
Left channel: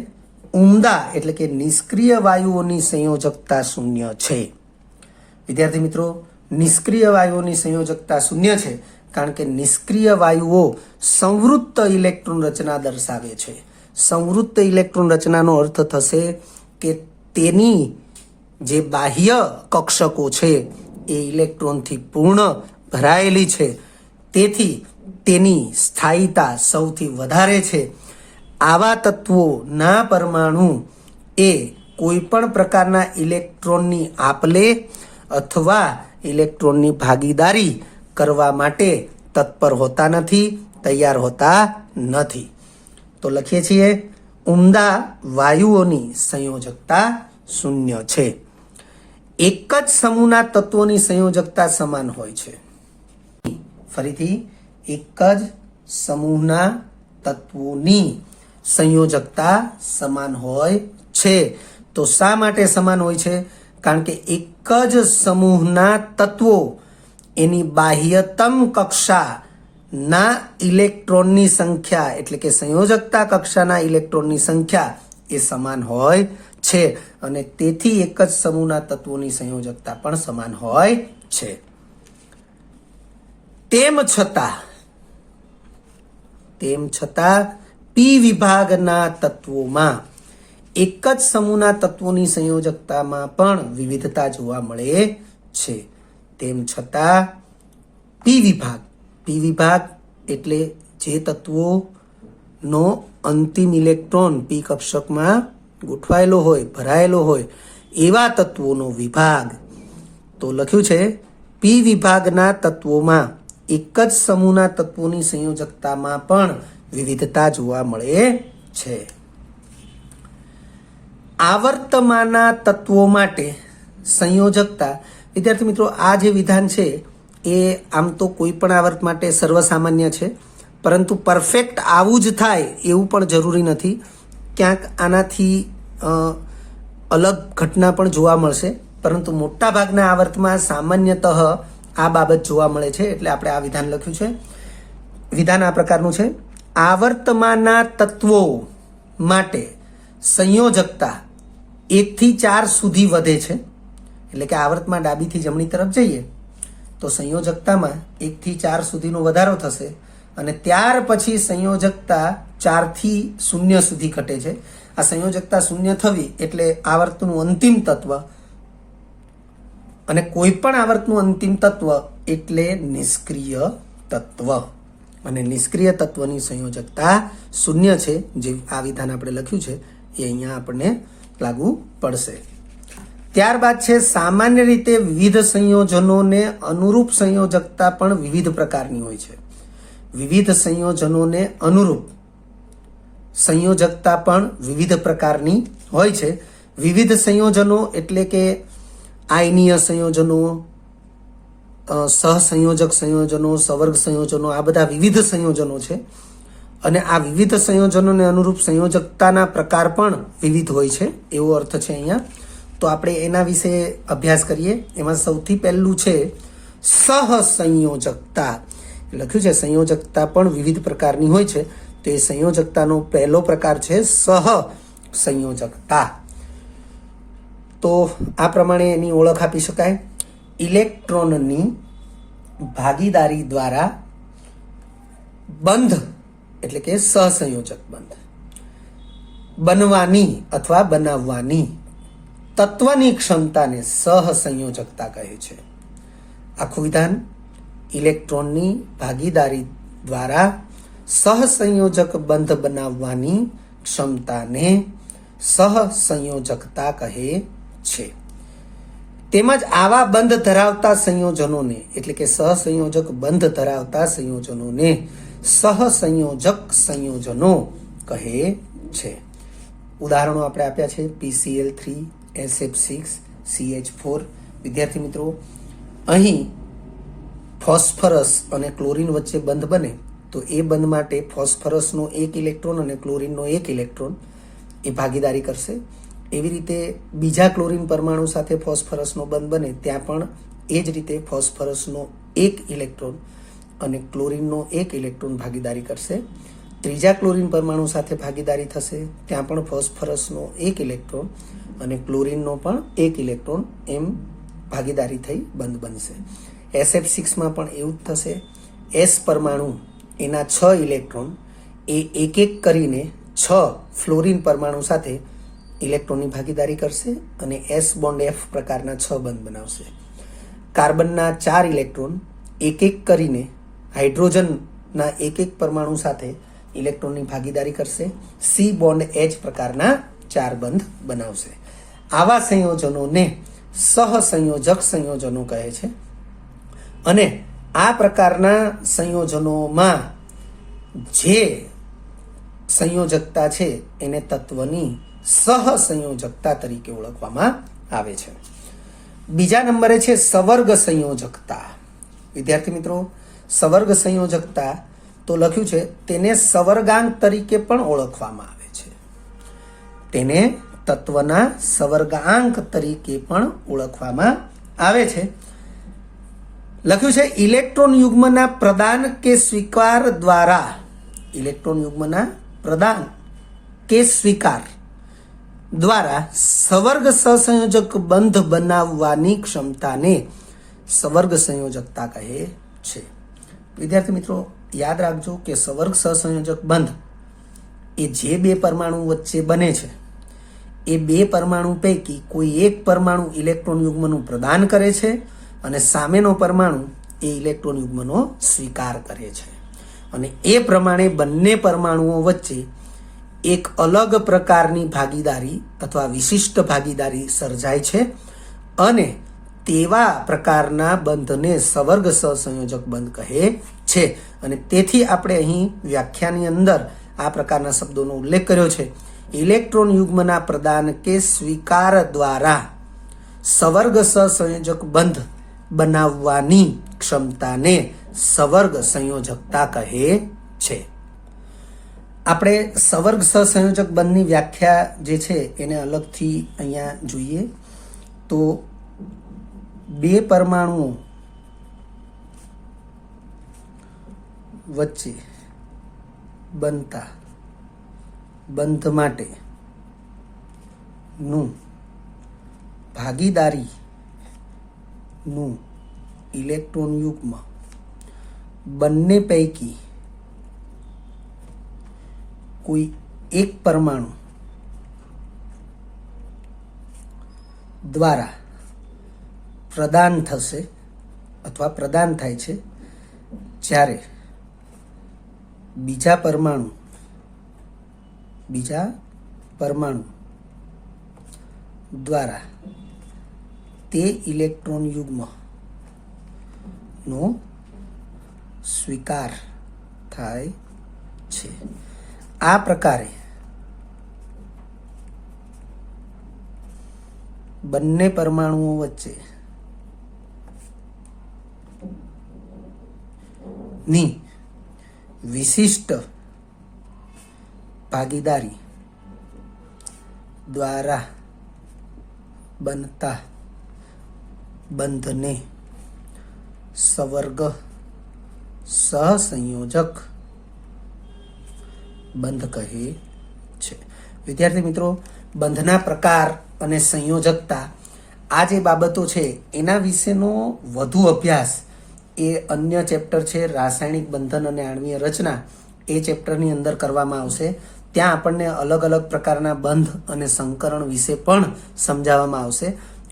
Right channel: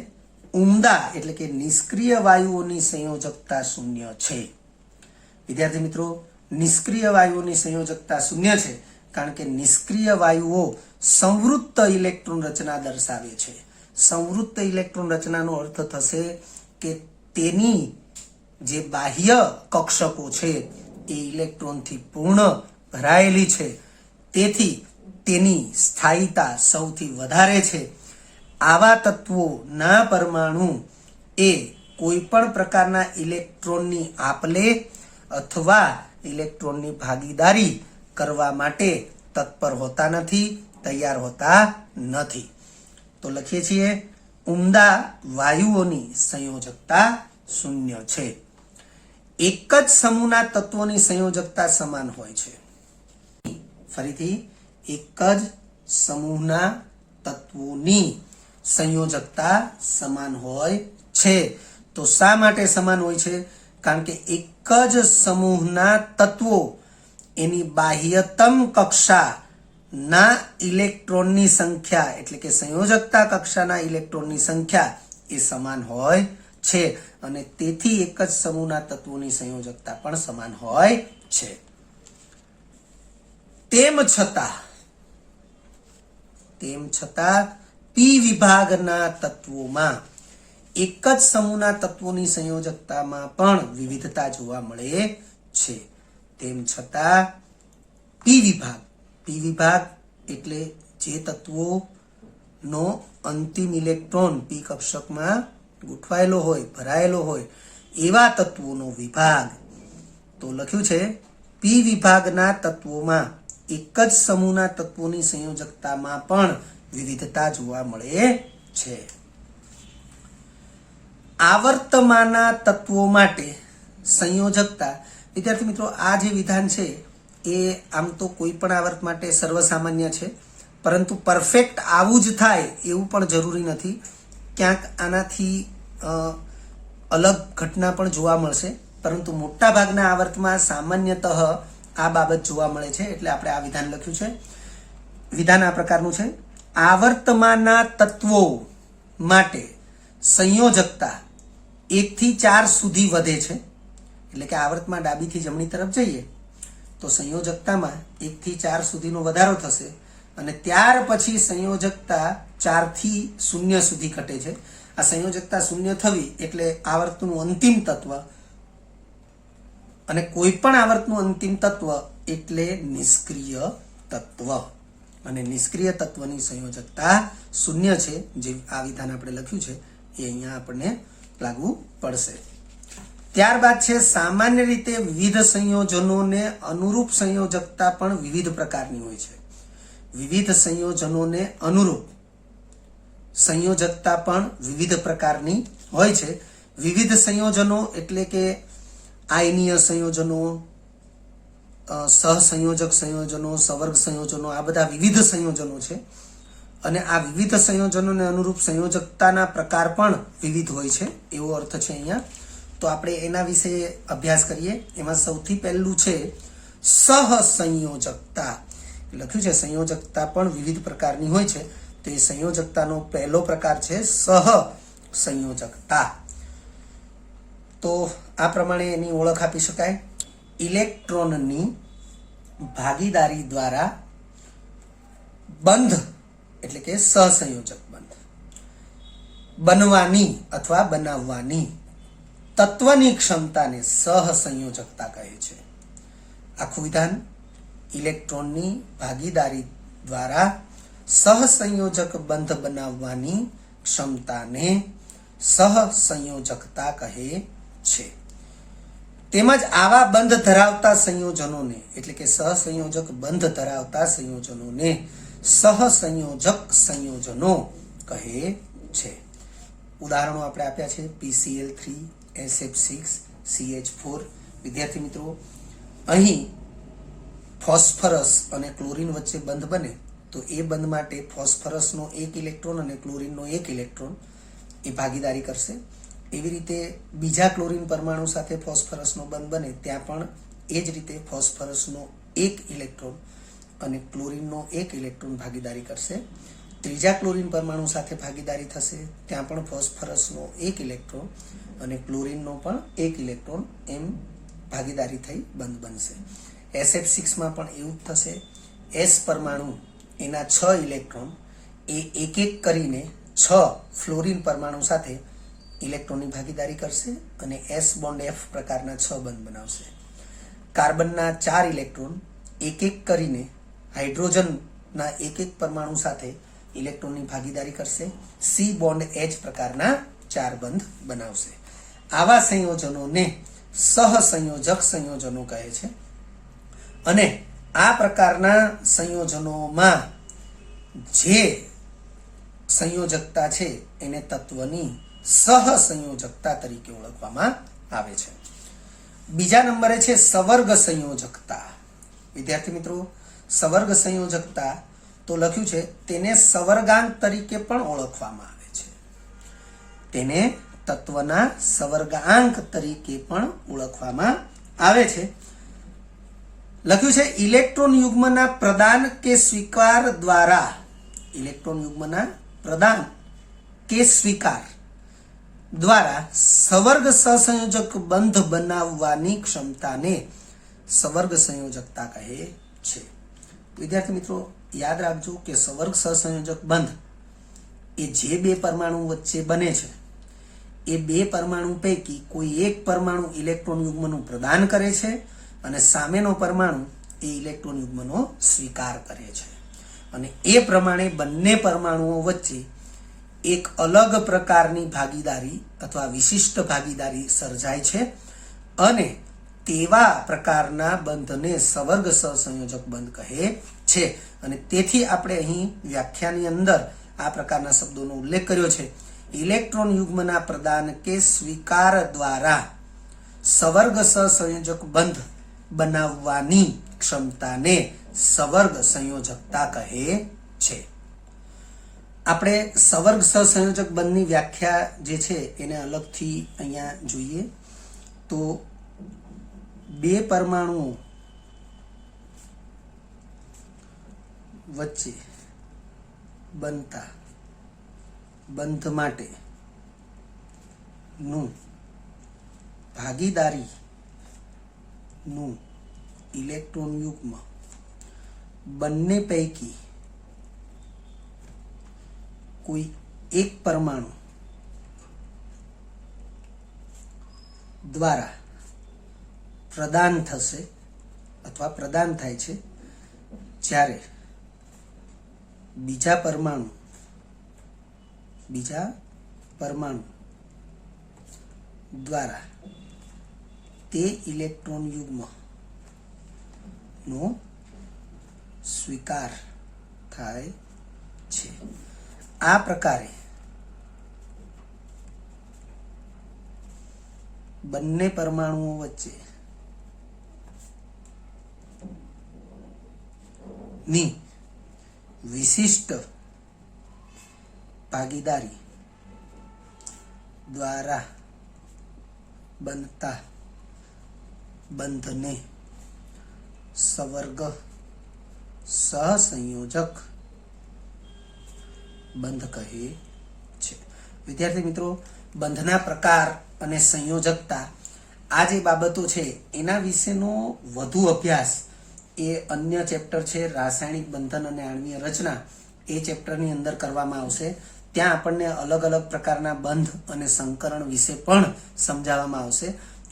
ઉમદા એટલે કે નિષ્ક્રિય વાયુઓની સંયોજકતા શૂન્ય છે. વિદ્યાર્થી મિત્રો, નિષ્ક્રિય વાયુઓની સંયોજકતા શૂન્ય છે કારણ કે નિષ્ક્રિય વાયુઓ સંવૃત્ત ઇલેક્ટ્રોન રચના દર્શાવે છે. સંવૃત્ત ઇલેક્ટ્રોન રચનાનો અર્થ થશે કે તેની જે બાહ્ય કક્ષકો છે એ ઇલેક્ટ્રોનથી પૂર્ણ ભરાયેલી છે. તેથી તેની સ્થાયીતા સૌથી વધારે છે. આવા તત્વોના પરમાણુ એ કોઈ પણ પ્રકારના ઇલેક્ટ્રોનની આપલે અથવા ઇલેક્ટ્રોનની ભાગીદારી કરવા માટે તત્પર હોતા નથી, તૈયાર હોતા નથી. તો લખીએ છીએ ઉમદા વાયુઓની સંયોજકતા શૂન્ય છે. એક જ સમૂહના તત્વોની સંયોજકતા સમાન હોય છે. ફરીથી, એક જ સમૂહના તત્વોની સંયોજકતા સમાન હોય છે. તો શા માટે સમાન હોય છે? કારણ કે એક જ સમૂહના તત્વો એની બાહ્યતમ કક્ષાના ઇલેક્ટ્રોનની સંખ્યા એટલે કે સંયોજકતા કક્ષાના ઇલેક્ટ્રોનની સંખ્યા એ સમાન હોય છે. અને તેથી એક જ સમૂહના તત્વોની સંયોજકતા પણ સમાન હોય છે. તેમ છતાં પી વિભાગના તત્વોમાં એક જ સમૂહના તત્વોની સંયોજકતામાં પણ વિવિધતા જોવા મળે છે. તેમ છતાં પી વિભાગ એટલે જે તત્વોનો અંતિમ ઇલેક્ટ્રોન પી કક્ષકમાં ગોઠવાયેલો હોય, ભરાયેલો હોય એવા તત્વોનો વિભાગ. તો લખ્યું છે પી વિભાગના તત્વોમાં એક જ સમૂહના તત્વોની સંયોજકતામાં પણ વિવિધતા જોવા મળે છે. આવર્તમાનના તત્વો માટે સંયોજકતા. વિદ્યાર્થી મિત્રો, આ જે વિધાન છે એ આમ તો કોઈ પણ આવર્ત માટે સર્વસામાન્ય છે, પરંતુ પરફેક્ટ આવું જ થાય એવું પણ જરૂરી નથી. ક્યાંક આનાથી અલગ ઘટના પણ જોવા મળશે, પરંતુ મોટા ભાગના આવર્તમાં સામાન્યતઃ આ બાબત જોવા મળે છે. એટલે આપણે આ વિધાન લખ્યું છે. વિધાન આ પ્રકારનું છે: આવર્તમાનના તત્વો માટે સંયોજકતા 1 થી 4 સુધી વધે છે. એટલે કે આવર્તમાં ડાબીથી જમણી તરફ જઈએ તો સંયોજકતામાં 1 થી 4 સુધીનો વધારો થશે, અને ત્યાર પછી સંયોજકતા 4 થી 0 સુધી ઘટે છે. આ સંયોજકતા 0 થવી એટલે આવર્તનું અંતિમ તત્વ, અને કોઈ પણ આવર્તનું અંતિમ તત્વ એટલે નિષ્ક્રિય તત્વ. અને નિષ્ક્રિય તત્વની સંયોજકતા 0 છે. જે આ વિધાન આપણે લખ્યું છે એ અહીંયા આપણને લાગુ પડશે. ત્યારબાદ છે સામાન્ય રીતે વિવિધ સંયોજનોને અનુરૂપ સંયોજકતા પણ વિવિધ પ્રકારની હોય છે. વિવિધ સંયોજનોને અનુરૂપ સંયોજકતા પણ વિવિધ પ્રકારની હોય છે. વિવિધ સંયોજનો એટલે કે આયનીય સંયોજનો, સહસંયોજક સંયોજનો, સવર્ગ સંયોજનો, આ બધા વિવિધ સંયોજનો છે. અને આ વિવિધ સંયોજનોને અનુરૂપ સંયોજકતાના પ્રકાર પણ વિવિધ હોય છે, એવો અર્થ છે અહીંયા. તો આપણે એના વિશે અભ્યાસ કરીએ. એમાં સૌથી પહેલું છે સહસંયોજકતા. લખ્યું છે સંયોજકતા પણ વિવિધ પ્રકારની હોય છે. તો એ સંયોજકતાનો પહેલો પ્રકાર છે સહસંયોજકતા. તો આ પ્રમાણે એની ઓળખ આપી શકાય: ઇલેક્ટ્રોનની ભાગીદારી દ્વારા બંધ એટલે કે સહસંયોજક બંધ બનવાની અથવા બનાવવાની તત્વની ક્ષમતાને સહસંયોજકતા કહે છે. આખું વિધાન: ઇલેક્ટ્રોનની ભાગીદારી દ્વારા સહસંયોજક બંધ બનાવવાની ક્ષમતાને સહસંયોજકતા કહે છે. તેમજ આવા બંધ ધરાવતા સંયોજનોને એટલે કે સહસંયોજક બંધ ધરાવતા સંયોજનોને સહસંયોજક સંયોજનો કહે છે. ઉદાહરણો આપણે આપ્યા છે PCl3, SF6, CH4. વિદ્યાર્થી મિત્રો, અહીં ફોસ્ફરસ અને ક્લોરીન વચ્ચે બંધ બને તો એ બંધ માટે ફોસ્ફરસનો એક ઇલેક્ટ્રોન અને ક્લોરીનનો એક ઇલેક્ટ્રોન એ ભાગીદારી કરશે. એવી રીતે બીજા ક્લોરીન પરમાણુ સાથે ફોસ્ફરસનો બંધ બને ત્યાં પણ એ જ રીતે ફોસ્ફરસનો એક ઇલેક્ટ્રોન અને ક્લોરીનનો એક ઇલેક્ટ્રોન ભાગીદારી કરશે. ત્રીજા ક્લોરીન પરમાણુ સાથે ભાગીદારી થશે ત્યાં પણ ફોસ્ફરસનો એક ઇલેક્ટ્રોન અને ક્લોરીનનો પણ એક ઇલેક્ટ્રોન એમ ભાગીદારી થઈ બંધ બનશે. SF6માં પણ એવું જ થશે. S પરમાણુ એના 6 ઇલેક્ટ્રોન એ એક એક કરીને 6 ફ્લોરીન પરમાણુ સાથે ઇલેક્ટ્રોનની ભાગીદારી કરશે અને S બોન્ડ F પ્રકારના 6 બંધ બનાવશે. કાર્બનના 4 ઇલેક્ટ્રોન એક એક કરીને હાઇડ્રોજનના એક એક પરમાણુ સાથે ઇલેક્ટ્રોનની ભાગીદારી કરશે. C બોન્ડ H પ્રકારના 4 બંધ બનાવશે. આવા સંયોજનોને સહસંયોજક સંયોજનો કહે છે. અને આ પ્રકારના સંયોજનોમાં જે સંયોજકતા છે એને તત્વની સહસંયોજકતા તરીકે ઓળખવામાં આવે છે. બીજા નંબરે છે સવર્ગ સંયોજકતા. વિદ્યાર્થી મિત્રો, સવર્ગ સંયોજકતા તો લખ્યું છે તેને સવર્ગાંક તરીકે પણ ઓળખવામાં આવે છે. તેને તત્વના સવર્ગાંક તરીકે પણ ઓળખવામાં આવે છે. લખ્યું છે ઇલેક્ટ્રોન યુગ્મના પ્રદાન કે સ્વીકાર દ્વારા, ઇલેક્ટ્રોન યુગ્મના પ્રદાન કે સ્વીકાર દ્વારા સવર્ગ સહસંયોજક બંધ બનાવવાની ક્ષમતાને સવર્ગ સંયોજકતા કહે છે. વિદ્યાર્થી મિત્રો, યાદ રાખજો કે સવર્ગ સહસંયોજક બંધ એ જે બે પરમાણુ વચ્ચે બને છે એ બે પરમાણુ પૈકી કોઈ એક પરમાણુ ઇલેક્ટ્રોન યુગ્મનું પ્રદાન કરે છે અને સામેનો પરમાણુ એ ઇલેક્ટ્રોન યુગ્મનો સ્વીકાર કરે છે. અને એ પ્રમાણે બંને પરમાણુઓ વચ્ચે એક અલગ પ્રકારની ભાગીદારી અથવા વિશિષ્ટ ભાગીદારી સર્જાય છે અને તેવા પ્રકારના બંધને સવર્ગ સહસંયોજક બંધ કહે છે. અને તેથી આપણે અહીં વ્યાખ્યાની અંદર આ પ્રકારના શબ્દોનો ઉલ્લેખ કર્યો છે. ઇલેક્ટ્રોન યુગ્મના પ્રદાન કે સ્વીકાર દ્વારા સવર્ગ સહસંયોજક બંધ બનાવવાની ક્ષમતાને સવર્ગ સંયોજકતા કહે છે. આપણે સવર્ગ સહસંયોજક બંધની વ્યાખ્યા જે છે એને અલગથી અહીંયા જોઈએ તો બે પરમાણુઓ વચ્ચે બનતા બંધ માટે નું ભાગીદારી નું ઇલેક્ટ્રોન યુગ્મ બંને પૈકી કોઈ એક પરમાણુ દ્વારા પ્રદાન થશે અથવા પ્રદાન થાય છે જ્યારે બીજા પરમાણુ દ્વારા તે ઇલેક્ટ્રોન યુગ્મ નો સ્વીકાર થાય છે. આ પ્રકારે બંને પરમાણુઓ વચ્ચે ની વિશિષ્ટ ભાગીદારી દ્વારા બનતા બંધને સવર્ગ સહસંયોજક બંધ કહે છે. વિદ્યાર્થી મિત્રો, બંધના પ્રકાર અને સંયોજકતા આ જે બાબતો છે એના વિશેનો વધુ અભ્યાસ એ અન્ય ચેપ્ટર છે રાસાયણિક બંધન અને આણ્વીય રચના, એ ચેપ્ટરની અંદર કરવામાં આવશે. ત્યાં આપણને અલગ અલગ પ્રકારના બંધ અને સંકરણ વિશે પણ સમજાવવામાં આવશે.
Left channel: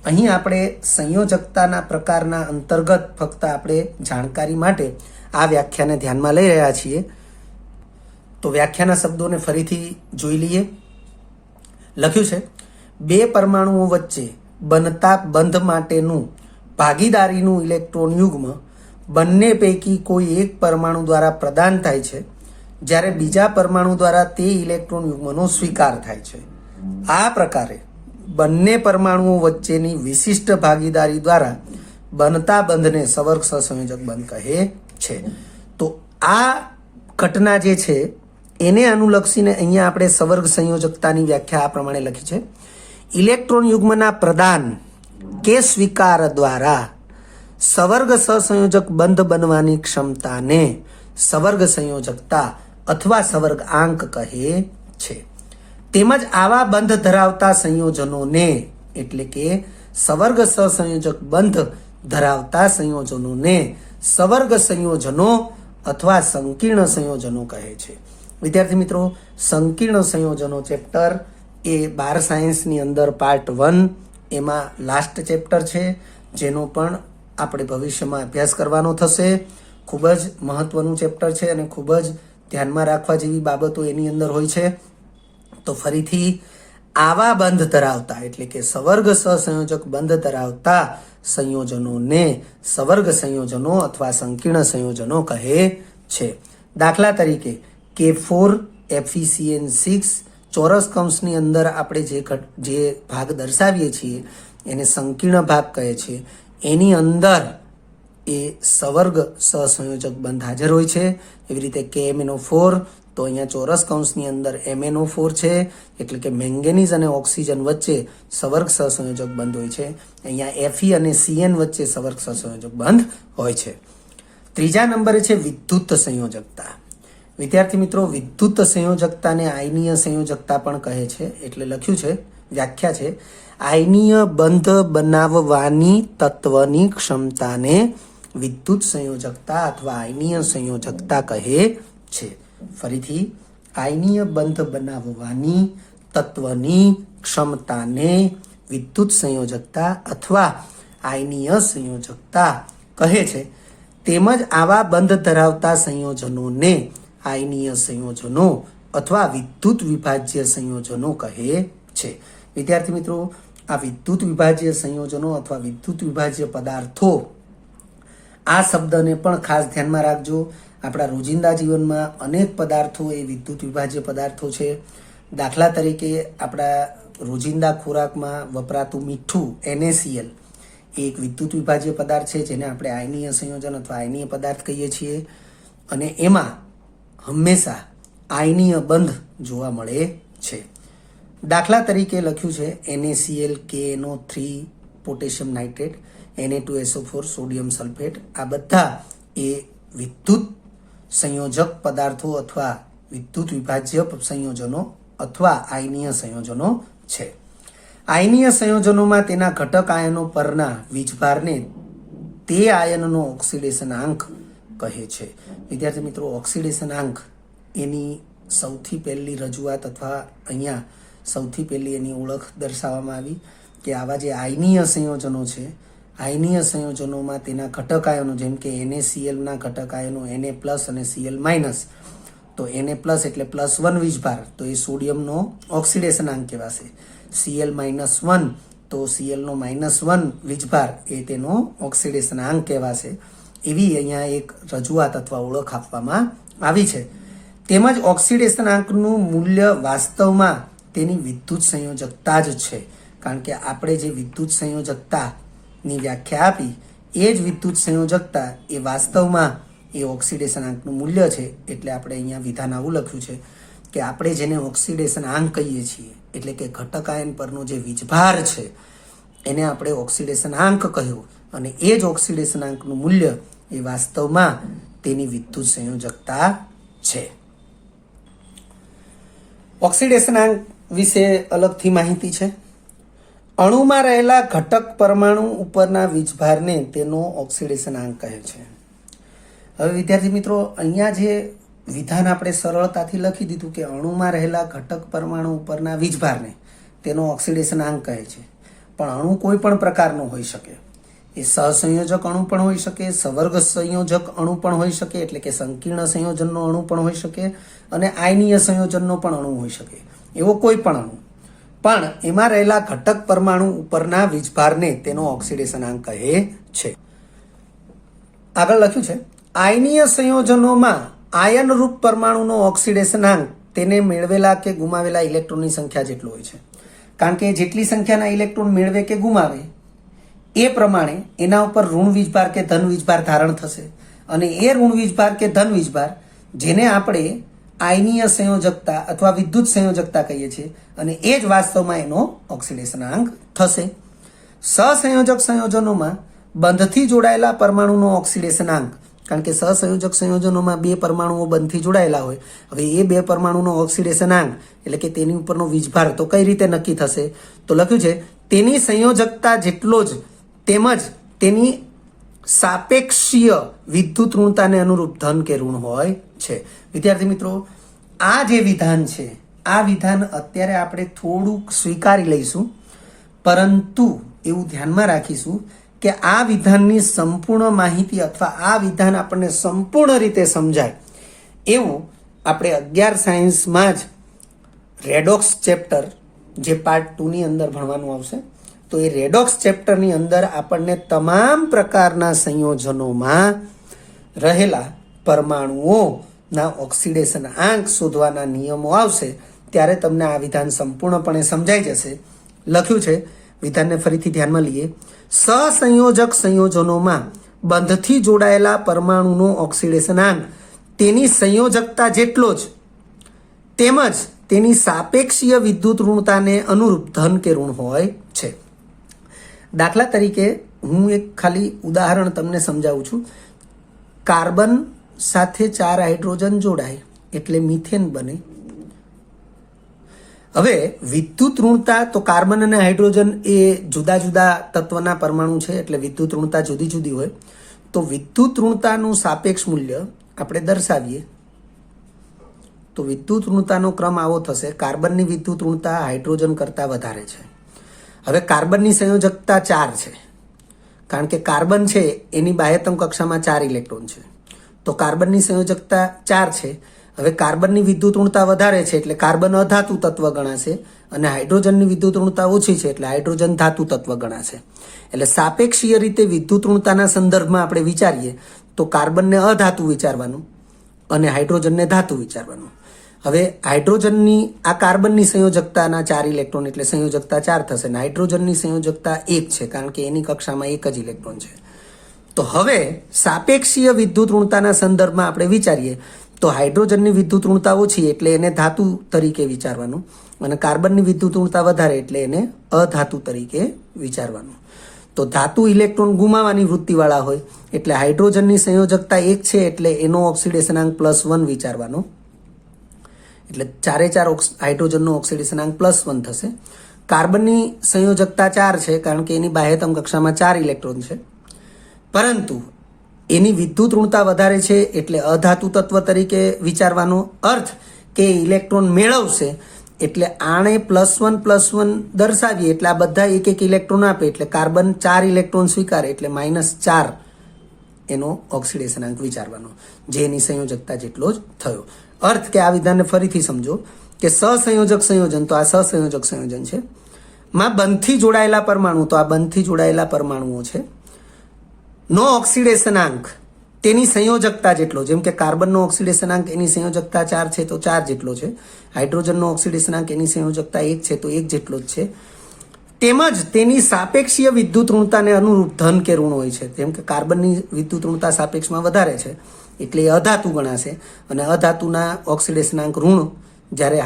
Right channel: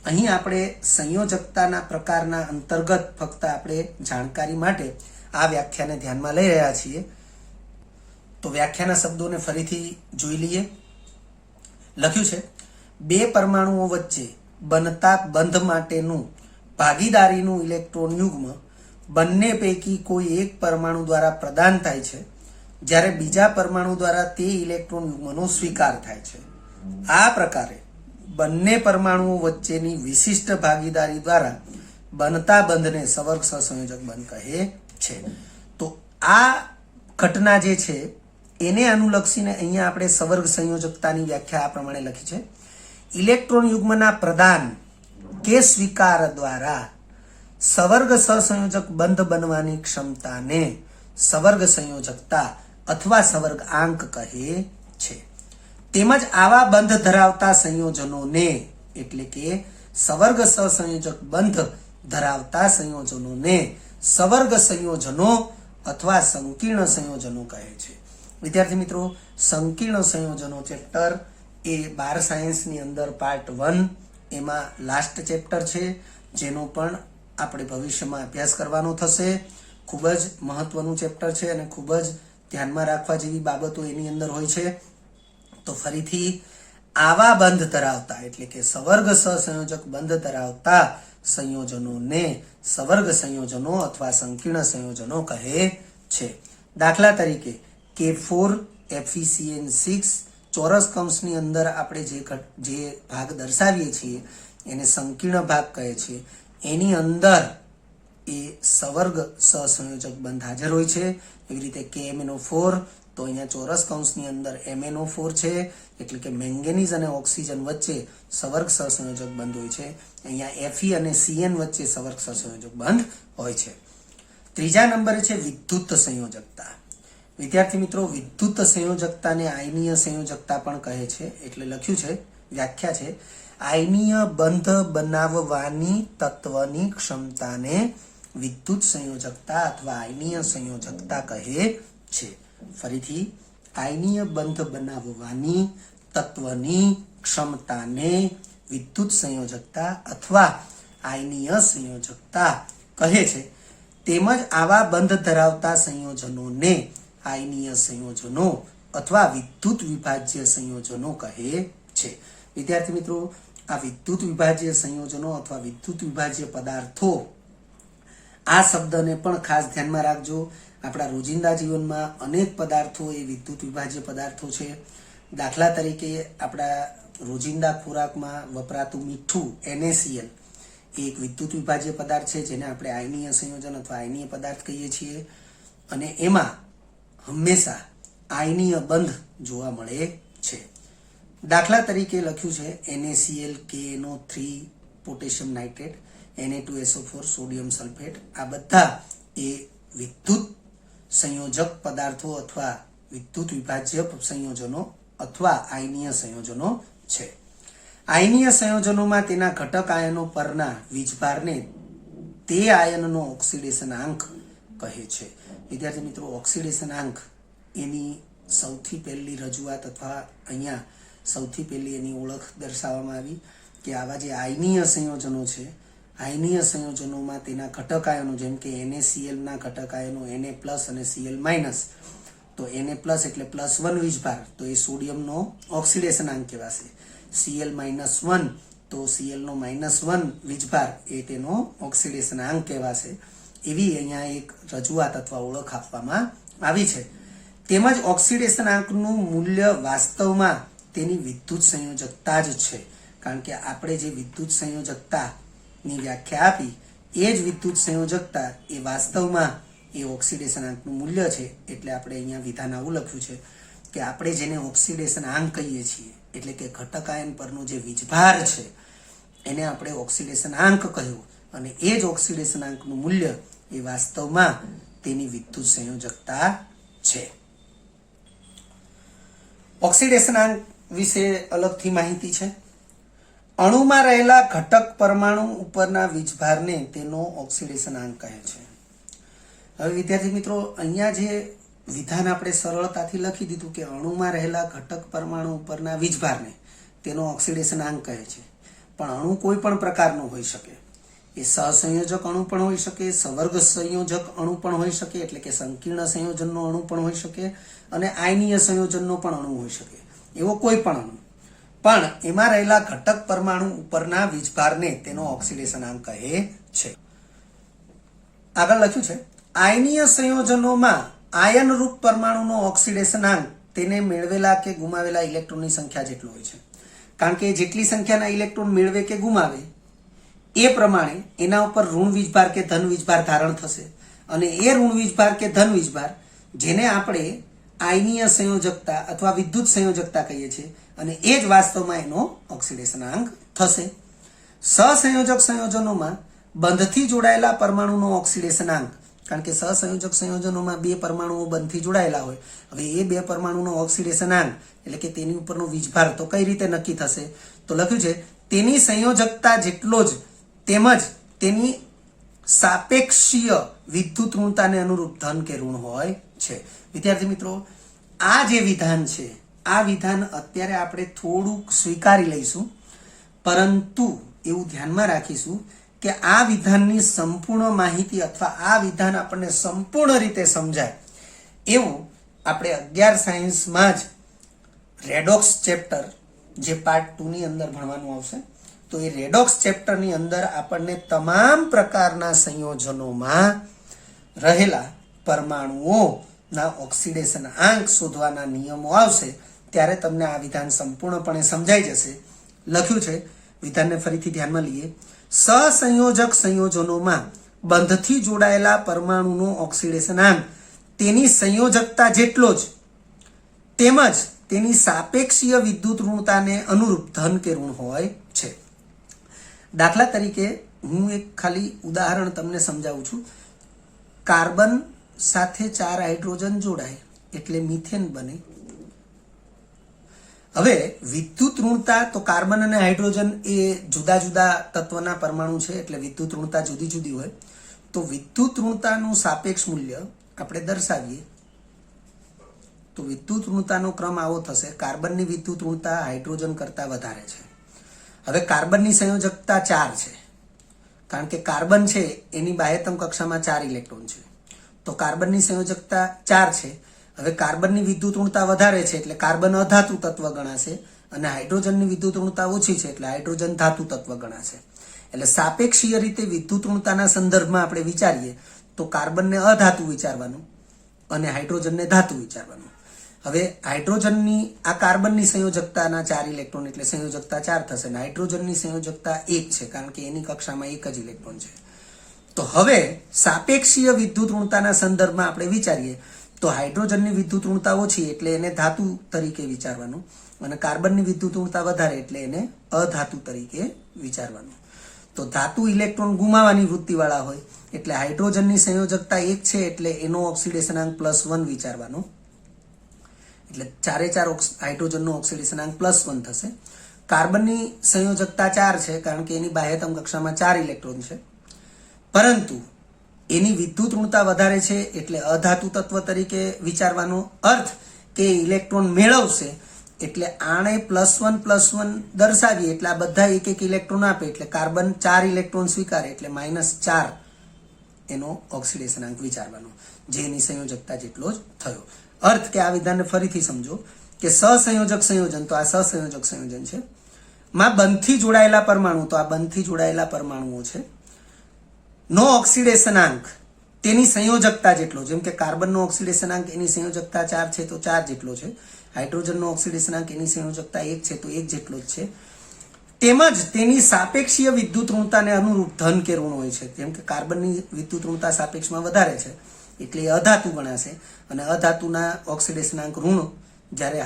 અહીં આપણે સંયોજકતાના પ્રકારના અંતર્ગત ફક્ત આપણે જાણકારી માટે આ વ્યાખ્યાને ધ્યાનમાં લઈ રહ્યા છીએ. તો વ્યાખ્યાના શબ્દોને ફરીથી જોઈ લઈએ. લખ્યું છે, બે પરમાણુઓ વચ્ચે બનતા બંધ માટેનું ભાગીદારીનું ઇલેક્ટ્રોન યુગ્મ બંને પૈકી કોઈ એક પરમાણુ દ્વારા પ્રદાન થાય છે, જ્યારે બીજા પરમાણુ દ્વારા તે ઇલેક્ટ્રોન યુગ્મનો સ્વીકાર થાય છે. આ પ્રકારે બંને પરમાણુઓ વચ્ચેની વિશિષ્ટ ભાગીદારી દ્વારા બનતા બંધને સવર્ગ સહસંયોજક બંધ કહે છે. તો આ ઘટના જે છે એને અનુલક્ષીને અહીંયા આપણે સવર્ગ સંયોજકતાની વ્યાખ્યા આ પ્રમાણે લખી છે. ઇલેક્ટ્રોન યુગ્મના પ્રદાન કે સ્વીકાર દ્વારા સવર્ગ સહસંયોજક બંધ બનવાની ક્ષમતાને સવર્ગ સંયોજકતા અથવા સવર્ગ આંક કહે છે. તેમજ આવા બંધ ધરાવતા સંયોજનોને એટલે કે સવર્ગ સહસંયોજક બંધ ધરાવતા સંયોજનોને સવર્ગ સંયોજનો અથવા સંકીર્ણ સંયોજનો કહે છે. વિદ્યાર્થી મિત્રો, સંકીર્ણ સંયોજનો ચેપ્ટર એ 12 સાયન્સની અંદર પાર્ટ 1 એમાં લાસ્ટ ચેપ્ટર છે, જેનો પણ આપણે ભવિષ્યમાં અભ્યાસ કરવાનો થશે. ખૂબ જ મહત્વનું ચેપ્ટર છે અને ખૂબ જ ધ્યાનમાં રાખવા જેવી બાબતો એની અંદર હોય છે. તો ફરીથી આવા બંધ ધરાવતા એટલે કે સવર્ગ સહસંયોજક બંધ ધરાવતા સંયોજનોને સવર્ગ સંયોજનો અથવા સંકીર્ણ સંયોજનો કહે છે. દાખલા તરીકે K4 FeCN6 ચોરસ કૌંસની અંદર આપણે જે ભાગ દર્શાવીએ છીએ એને સંકીર્ણ ભાગ કહે છે. એની અંદર એ સવર્ગ સહસંયોજક બંધ હાજર હોય છે. એવી રીતે KMnO4 તો અહીંયા ચોરસ કૌંસની અંદર MnO4 છે, એટલે કે મેંગેનીઝ અને ઓક્સિજન વચ્ચે સવર્ગ સહસંયોજક બંધ હોય છે. અહીંયા Fe અને Cn વચ્ચે સવર્ગ સહસંયોજક બંધ હોય છે. ત્રીજા નંબરે છે વિદ્યુત સંયોજકતા. વિદ્યાર્થી મિત્રો, વિદ્યુત સંયોજકતાને આયનીય સંયોજકતા પણ કહે છે. એટલે લખ્યું છે, વ્યાખ્યા છે, આયનીય બંધ બનાવવાની તત્વની ક્ષમતાને વિદ્યુત સંયોજકતા અથવા આયનીય સંયોજકતા કહે છે. ફરીથી, આયનીય બંધ બનાવવાની તત્વની ક્ષમતાને વિદ્યુત સંયોજકતા અથવા આયનીય સંયોજકતા કહે છે. તેમજ આવા બંધ ધરાવતા સંયોજનોને આયનીય સંયોજનો અથવા વિદ્યુત વિભાજ્ય સંયોજનો કહે છે. વિદ્યાર્થી મિત્રો, આ વિદ્યુત વિભાજ્ય સંયોજનો અથવા વિદ્યુત વિભાજ્ય પદાર્થો આ શબ્દને પણ ખાસ ધ્યાનમાં રાખજો. આપણા રોજિંદા જીવનમાં અનેક પદાર્થો એ વિદ્યુત વિભાજ્ય પદાર્થો છે. દાખલા તરીકે આપણા રોજિંદા ખોરાકમાં વપરાતું મીઠું NaCl એ એક વિદ્યુત વિભાજ્ય પદાર્થ છે, જેને આપણે આયનીય સંયોજન અથવા આયનીય પદાર્થ કહીએ છીએ. અને એમાં હંમેશા આયનીય બંધ જોવા મળે છે. દાખલા તરીકે લખ્યું છે NaCl, KNO3 potassium nitrate, Na2SO4 sodium sulphate. આ બધા એ વિદ્યુત સંયોજક પદાર્થો અથવા વિદ્યુત વિભાજ્ય સંયોજનો અથવા આયનીય સંયોજનો છે. આયનીય સંયોજનોમાં તેના ઘટક આયનો પરના વીજભારને તે આયનનો ઓક્સિડેશન આંક કહે છે. વિદ્યાર્થી મિત્રો, ઓક્સિડેશન આંક એની સૌથી પહેલી રજૂઆત અથવા અહીંયા સૌથી પહેલી એની ઓળખ દર્શાવવામાં આવી કે આવા જે આયનીય સંયોજનો છે, આયનીય સંયોજનોમાં તેના ઘટક આયનો જેમ કે NaCl ના ઘટક આયનો Na+ અને Cl-, તો Na+ એટલે +1 વીજભાર, તો એ સોડિયમનો ઓક્સિડેશન આંક કહેવાશે. Cl-1 તો Cl નો -1 વીજભાર એ તેનો ઓક્સિડેશન આંક કહેવાશે. એવી અહીંયા એક રજૂઆત અથવા ઓળખ આપવામાં આવી છે. તેમજ ઓક્સિડેશન આંકનું મૂલ્ય વાસ્તવમાં તેની વિદ્યુત સંયોજકતા જ છે, કારણ કે આપણે જે વિદ્યુત સંયોજકતાની વ્યાખ્યા આપી એ જ વિદ્યુત સંયોજકતા એ વાસ્તવમાં એ ઓક્સિડેશન આંકનું મૂલ્ય છે. એટલે આપણે અહીંયા વિધાન આવું લખ્યું છે કે આપણે જેને ઓક્સિડેશન આંક કહીએ છીએ એટલે કે ઘટક આયન પરનો જે વીજભાર છે એને આપણે ઓક્સિડેશન આંક કહ્યું, અને એ જ ઓક્સિડેશન આંકનું મૂલ્ય એ વાસ્તવમાં તેની વિદ્યુત સંયોજકતા છે. ઓક્સિડેશન આંક વિશે અલગથી માહિતી છે. અણુમાં રહેલા ઘટક પરમાણુ ઉપરના વીજભારને તેનો ઓક્સિડેશન આંક કહે છે. હવે વિદ્યાર્થી મિત્રો, અહીંયા જે વિધાન આપણે સરળતાથી લખી દીધું કે અણુમાં રહેલા ઘટક પરમાણુ ઉપરના વીજભારને તેનો ઓક્સિડેશન આંક કહે છે, પણ અણુ કોઈ પણ પ્રકારનો હોઈ શકે. એ સહસંયોજક અણુ પણ હોઈ શકે, સવર્ગ સંયોજક અણુ પણ હોઈ શકે, એટલે કે સંકીર્ણ સંયોજનનો અણુ પણ હોઈ શકે, અને આયનીય સંયોજનનો પણ અણુ હોઈ શકે. એવો કોઈ પણ અણુ, પણ એમાં રહેલા ઘટક પરમાણુ ઉપરના વીજભારને તેનો ઓક્સિડેશનાંક કહે છે. આગળ લખ્યું છે, આયનીય સંયોજનોમાં આયનરૂપ પરમાણુનો ઓક્સિડેશનાંક તેને મેળવેલા કે ગુમાવેલા ઇલેક્ટ્રોનની સંખ્યા જેટલો હોય છે. કારણ કે જેટલી સંખ્યાના ઇલેક્ટ્રોન મેળવે કે ગુમાવે એ પ્રમાણે એના ઉપર ઋણ વીજભાર કે ધન વીજભાર ધારણ થશે, અને એ ઋણ વીજભાર કે ધન વીજભાર જેને આપણે આયનીય સંયોજકતા અથવા વિદ્યુત સંયોજકતા કહીએ છીએ, અને એ જ વાસ્તવમાં એનો ઓક્સિડેશનાંક થશે. સહસંયોજક સંયોજનોમાં બંધથી જોડાયેલા પરમાણુનો ઓક્સિડેશનાંક, કારણ કે સહસંયોજક સંયોજનોમાં બે પરમાણુઓ બંધથી જોડાયેલા હોય, હવે એ બે પરમાણુનો ઓક્સિડેશનાંક એટલે કે તેની ઉપરનો વીજભાર તો કઈ રીતે નક્કી થશે? તો લખ્યું છે તેની સંયોજકતા જેટલો જ તેમજ તેની સાપેક્ષીય વિદ્યુત ઋણતાને અનુરૂપ ધન કે ઋણ હોય છે. વિદ્યાર્થી મિત્રો, આ જે વિધાન છે, આ વિધાન અત્યારે આપણે થોડુંક સ્વીકારી લઈશું, પરંતુ એવું ધ્યાનમાં રાખીશું કે આ વિધાનની સંપૂર્ણ માહિતી અથવા આ વિધાન આપણને સંપૂર્ણ રીતે સમજાય એવું આપણે 11 સાયન્સમાં જ રેડોક્સ ચેપ્ટર જે પાર્ટ 2 ની અંદર ભણવાનું આવશે. તો એ રેડોક્સ ચેપ્ટરની અંદર આપણને તમામ પ્રકારના સંયોજનોમાં રહેલા પરમાણુઓના ઓક્સિડેશન આંક શોધવાના નિયમો આવશે, ત્યારે તમને આ વિધાન સંપૂર્ણપણે સમજાઈ જશે. લખ્યું છે, વિધાનને ફરીથી ધ્યાનમાં લઈએ. સહસંયોજક સંયોજનોમાં બંધથી જોડાયેલા પરમાણુનો ઓક્સિડેશનાંક તેની સંયોજકતા જેટલો જ તેમજ તેની સાપેક્ષીય વિદ્યુત ઋણતાને અનુરૂપ ધન કે ઋણ હોય છે. દાખલા તરીકે હું એક ખાલી ઉદાહરણ તમને સમજાવું છું. કાર્બન સાથે 4 હાઇડ્રોજન જોડાય એટલે મિથેન બને. હવે વિદ્યુત ઋણતા, તો કાર્બન અને હાઇડ્રોજન એ જુદા જુદા તત્વના પરમાણુ છે, એટલે વિદ્યુત ઋણતા જુદી જુદી હોય. તો વિદ્યુત ઋણતાનું સાપેક્ષ મૂલ્ય આપણે દર્શાવીએ તો વિદ્યુત ઋણતાનો ક્રમ આવો થશે. કાર્બનની વિદ્યુત ઋણતા હાઇડ્રોજન કરતાં વધારે છે. હવે કાર્બનની સંયોજકતા 4 છે, કારણ કે કાર્બન છે એની બાહ્યતમ કક્ષામાં 4 ઇલેક્ટ્રોન છે, તો કાર્બનની સંયોજકતા 4 છે. હવે કાર્બનની વિદ્યુત ઋણતા વધારે છે એટલે કાર્બન અધાતુ તત્વ ગણાશે, અને હાઇડ્રોજનની વિદ્યુત ઋણતા ઓછી છે એટલે હાઇડ્રોજન ધાતુ તત્વ ગણાશે. એટલે સાપેક્ષીય રીતે વિદ્યુત ઋણતાના સંદર્ભમાં આપણે વિચારીએ તો કાર્બનને અધાતુ વિચારવાનું અને હાઇડ્રોજનને ધાતુ વિચારવાનું. હવે હાઇડ્રોજનની આ કાર્બનની સંયોજકતાના 4 ઇલેક્ટ્રોન એટલે સંયોજકતા 4 થશે, અને હાઇડ્રોજનની સંયોજકતા 1 છે, કારણ કે એની કક્ષામાં 1 જ ઇલેક્ટ્રોન છે. તો હવે સાપેક્ષીય વિદ્યુત ઋણતાના સંદર્ભમાં આપણે વિચારીએ તો હાઇડ્રોજનની વિદ્યુત ઋણતા ઓછી એટલે એને ધાતુ તરીકે વિચારવાનું, અને કાર્બનની વિદ્યુત ઋણતા વધારે એટલે એને અધાતુ તરીકે વિચારવાનું. તો ધાતુ ઇલેક્ટ્રોન ગુમાવવાની વૃત્તિવાળા હોય એટલે હાઇડ્રોજનની સંયોજકતા 1 છે એટલે એનો ઓક્સિડેશનાંક +1 વિચારવાનો, એટલે 4 હાઇડ્રોજનનો ઓક્સિડેશનાંક +1 થશે. કાર્બનની સંયોજકતા 4 છે, કારણ કે એની બાહ્યતમ કક્ષામાં 4 ઇલેક્ટ્રોન છે, પરંતુ એની વિદ્યુત ઋણતા વધારે છે એટલે અધાતુ તત્વ તરીકે વિચારવાનો. અર્થ કે ઇલેક્ટ્રોન મેળવશે એટલે આણે +1 દર્શાવીએ એટલે આ બધા 1 ઇલેક્ટ્રોન આપે, એટલે કાર્બન 4 ઇલેક્ટ્રોન સ્વીકારે એટલે -4 એનો ઓક્સિડેશનાંક વિચારવાનો, જે એની સંયોજકતા જેટલો જ થયો. અર્થ કે આ વિધાનને ફરીથી સમજો કે સહસંયોજક સંયોજન, તો આ સહસંયોજક સંયોજન છે, માં બંધથી જોડાયેલા પરમાણુ, તો આ બંધથી જોડાયેલા પરમાણુઓ છે, નો ઓક્સિડેશનાંક તેની સંયોજકતા જેટલો, જેમ કે કાર્બનનો ઓક્સિડેશનાંક એની સંયોજકતા 4 છે તો 4 જેટલો છે, હાઇડ્રોજનનો ઓક્સિડેશનાંક એની સંયોજકતા 1 છે તો 1 જેટલો જ છે, તેમજ તેની સાપેક્ષીય વિદ્યુત ઋણતાને અનુરૂપ ધન કે ઋણ હોય છે. જેમ કે કાર્બનની વિદ્યુત ઋણતા સાપેક્ષમાં વધારે છે એટલે એ અધાતુ ગણાશે, અને અધાતુના ઓક્સિડેશનાંક ઋણ, જ્યારે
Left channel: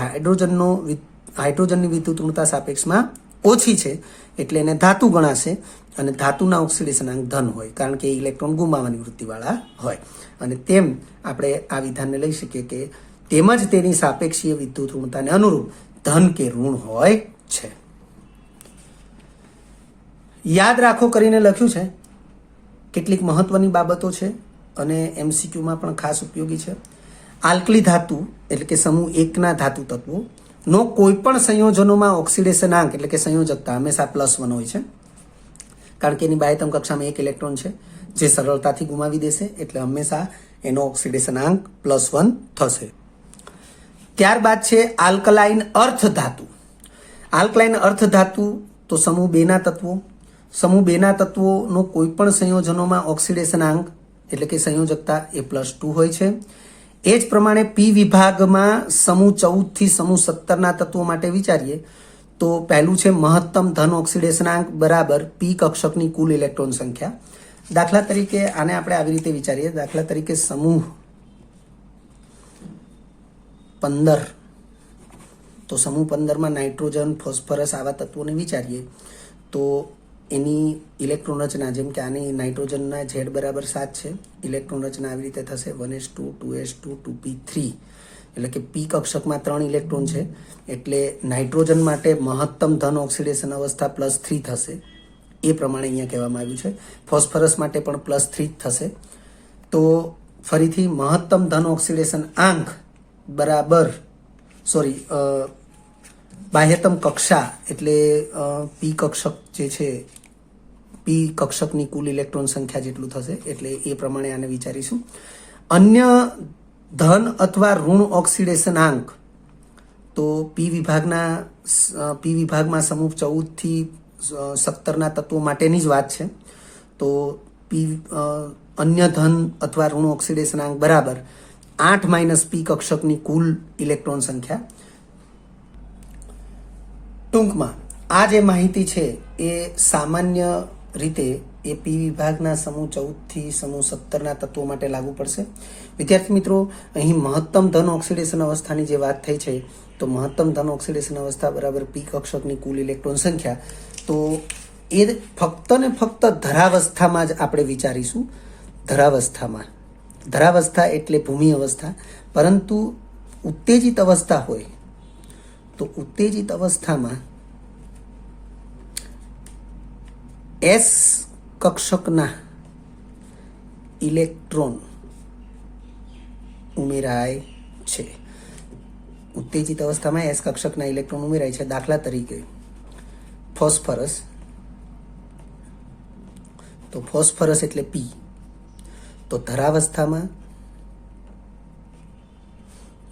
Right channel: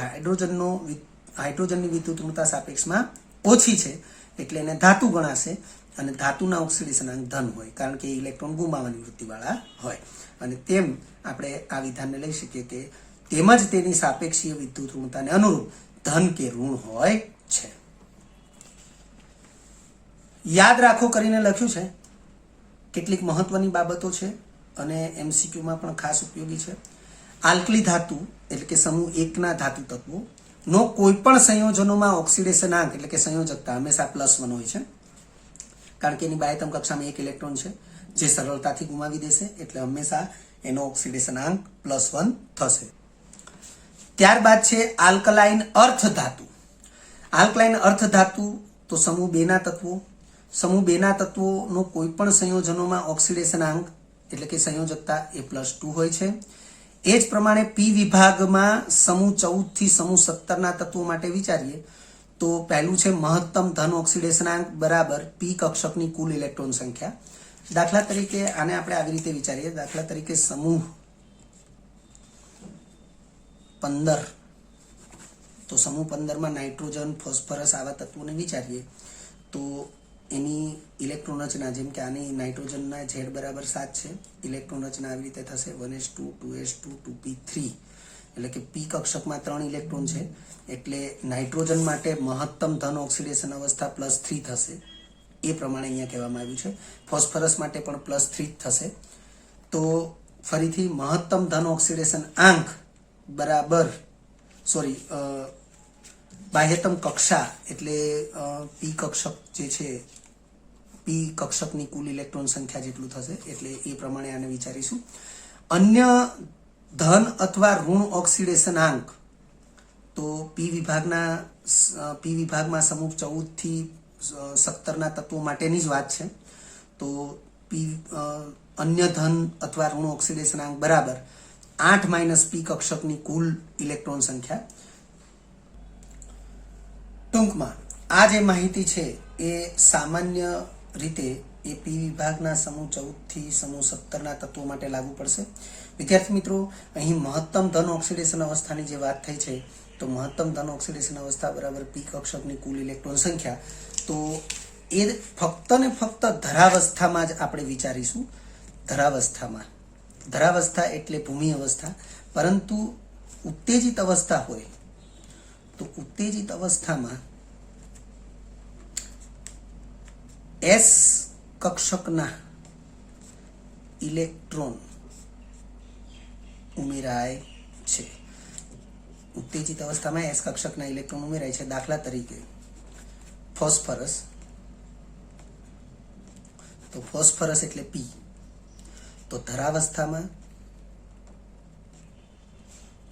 હાઇડ્રોજનની વિદ્યુત ઋણતા સાપેક્ષમાં ઓછી છે એટલે એને ધાતુ ગણાશે, અને ધાતુના ઓક્સિડેશનાંક ધન હોય, કારણ કે ઇલેક્ટ્રોન ગુમાવવાની વૃત્તિવાળા હોય. અને તેમ આપણે આ વિધાનને લઈ શકીએ કે તેમજ તેની સાપેક્ષીય વિદ્યુત ઋણતાને અનુરૂપ ધન કે ઋણ હોય છે. યાદ રાખો કરીને લખ્યું છે. કેટલીક મહત્વની બાબતો છે અને MCQમાં પણ ખાસ ઉપયોગી છે. આલ્કલી ધાતુ એટલે કે સમૂહ 1ના ધાતુ તત્વો નો કોઈ પણ સંયોજનોમાં ઓક્સિડેશનાંક એટલે કે સંયોજકતા હંમેશા +1 હોય છે. કારણ કે એની બાહ્યતમ કક્ષામાં એક ઇલેક્ટ્રોન છે જે સરળતાથી ગુમાવી દેશે, એટલે હંમેશા એનો ઓક્સિડેશનાંક +1 થશે. ત્યારબાદ છે આલ્કલાઇન અર્થ ધાતુ. આલ્કલાઇન અર્થ ધાતુ તો સમૂહ 2 ના તત્વો. સમૂહ 2 ના તત્વોનો કોઈ પણ સંયોજનોમાં ઓક્સિડેશનાંક એટલે કે સંયોજકતા એ +2 હોય છે. એ જ પ્રમાણે પી વિભાગમાં સમૂહ 14 થી સમૂહ 17 ના તત્વો માટે વિચારીએ તો પહેલું છે મહત્તમ ધન ઓક્સિડેશનાંક બરાબર પી કક્ષકની કુલ ઇલેક્ટ્રોન સંખ્યા. દાખલા તરીકે આને આપણે આવી રીતે વિચારીએ. દાખલા તરીકે સમૂહ 15, તો સમૂહ 15 માં નાઇટ્રોજન, ફોસ્ફરસ આવા તત્વોને વિચારીએ તો એની ઇલેક્ટ્રોન રચના, જેમ કે આની નાઇટ્રોજનના Z બરાબર 7 છે, ઇલેક્ટ્રોન રચના આવી રીતે થશે 1s2 2s2 2p3, એટલે કે પી કક્ષકમાં 3 ઇલેક્ટ્રોન છે, એટલે નાઇટ્રોજન માટે મહત્તમ ધન ઓક્સિડેશન અવસ્થા +3 થશે. એ પ્રમાણે અહીંયા કહેવામાં આવ્યું છે. ફોસ્ફરસ માટે પણ +3 થશે. તો ફરીથી મહત્તમ ધન ઓક્સિડેશન આંક બરાબર બાહ્યતમ કક્ષા એટલે પી કક્ષક જે છે, પી કક્ષકની કુલ ઇલેક્ટ્રોન સંખ્યા જેટલું થશે, એટલે એ પ્રમાણે આને વિચારીશું. અન્ય ધન અથવા ઋણ ઓક્સિડેશનાંક તો પી વિભાગમાં સમૂહ 14 થી 17 ના તત્વો માટેની જ વાત છે. તો અન્ય ધન અથવા ઋણ ઓક્સિડેશનાંક બરાબર 8 - પી કક્ષકની કુલ ઇલેક્ટ્રોન સંખ્યા. ટૂંકમાં આ જે માહિતી છે એ સામાન્ય રીતે એ પી વિભાગના સમૂહ 14 થી સમૂહ 17 ના તત્વો માટે લાગુ પડશે. વિદ્યાર્થી મિત્રો, અહીં મહત્તમ ધન ઓક્સિડેશન અવસ્થાની જે વાત થઈ છે, તો મહત્તમ ધન ઓક્સિડેશન અવસ્થા બરાબર પી કક્ષકની કુલ ઇલેક્ટ્રોન સંખ્યા, તો એ ફક્ત ને ફક્ત ધરાવસ્થામાં જ આપણે વિચારીશું. ધરાવસ્થા એટલે ભૂમિ અવસ્થા. પરંતુ ઉત્તેજિત અવસ્થા હોય તો ઉત્તેજિત અવસ્થામાં S કક્ષકના ઇલેક્ટ્રોન ઉમેરાય છે. ઉત્તેજિત અવસ્થામાં S કક્ષકના ઇલેક્ટ્રોન ઉમેરાય છે. દાખલા તરીકે ફોસ્ફરસ, તો ફોસ્ફરસ એટલે P. તો ધરાવસ્થામાં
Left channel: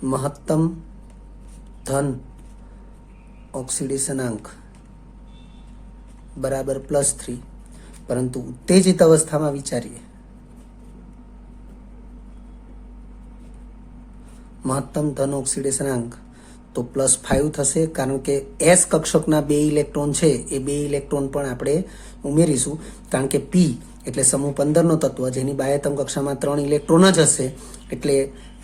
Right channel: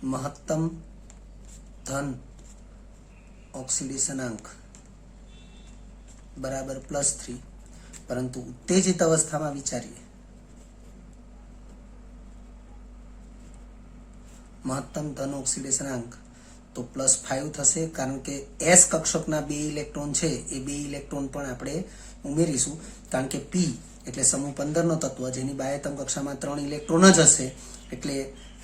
મહત્તમ ધન ઓક્સિડેશનાંક બરાબર +3, પરંતુ ઉત્તેજિત અવસ્થામાં વિચારીએ મહત્તમ ધન ઓક્સિડેશનાંક તો +5 થશે, કારણ કે S કક્ષકના 2 ઇલેક્ટ્રોન છે એ 2 ઇલેક્ટ્રોન પણ આપણે ઉમેરીશું, કારણ કે P એટલે સમૂહ 15 નો તત્વ જેની બાહ્યતમ કક્ષામાં 3 ઇલેક્ટ્રોન જ હશે, એટલે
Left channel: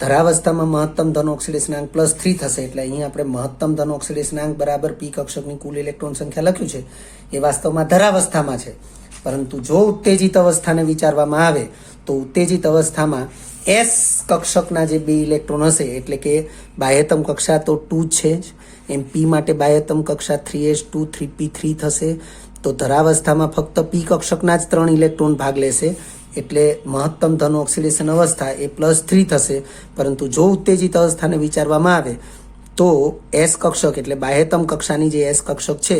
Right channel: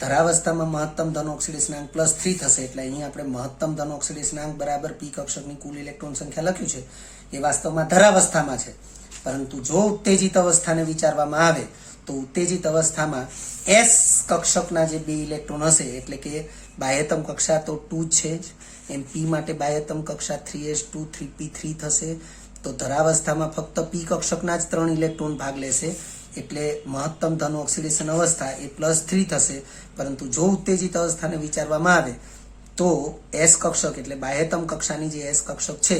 ધરાવસ્થામાં મહત્તમ ધન ઓક્સિડેશનાંક +3 થશે. એટલે અહીં આપણે મહત્તમ ધન ઓક્સિડેશનાંક બરાબર પી કક્ષકની કુલ ઇલેક્ટ્રોન સંખ્યા લખ્યું છે એ વાસ્તવમાં ધરાવસ્થામાં છે. પરંતુ જો ઉત્તેજિત અવસ્થાને વિચારવામાં આવે તો ઉત્તેજિત અવસ્થામાં S કક્ષકના જે 2 ઇલેક્ટ્રોન હશે, એટલે કે બાહ્યતમ કક્ષા તો 2 છે જ, એમ P માટે બાહ્યતમ કક્ષા 3s2 3p3 થશે. તો ધરાવસ્થામાં ફક્ત પી કક્ષકના જ 3 ઇલેક્ટ્રોન ભાગ લેશે, એટલે મહત્તમ ધન ઓક્સિડેશન અવસ્થા એ +3 થશે. પરંતુ જો ઉત્તેજિત અવસ્થાને વિચારવામાં આવે તો S કક્ષક એટલે બાહ્યતમ કક્ષાની જે S કક્ષક છે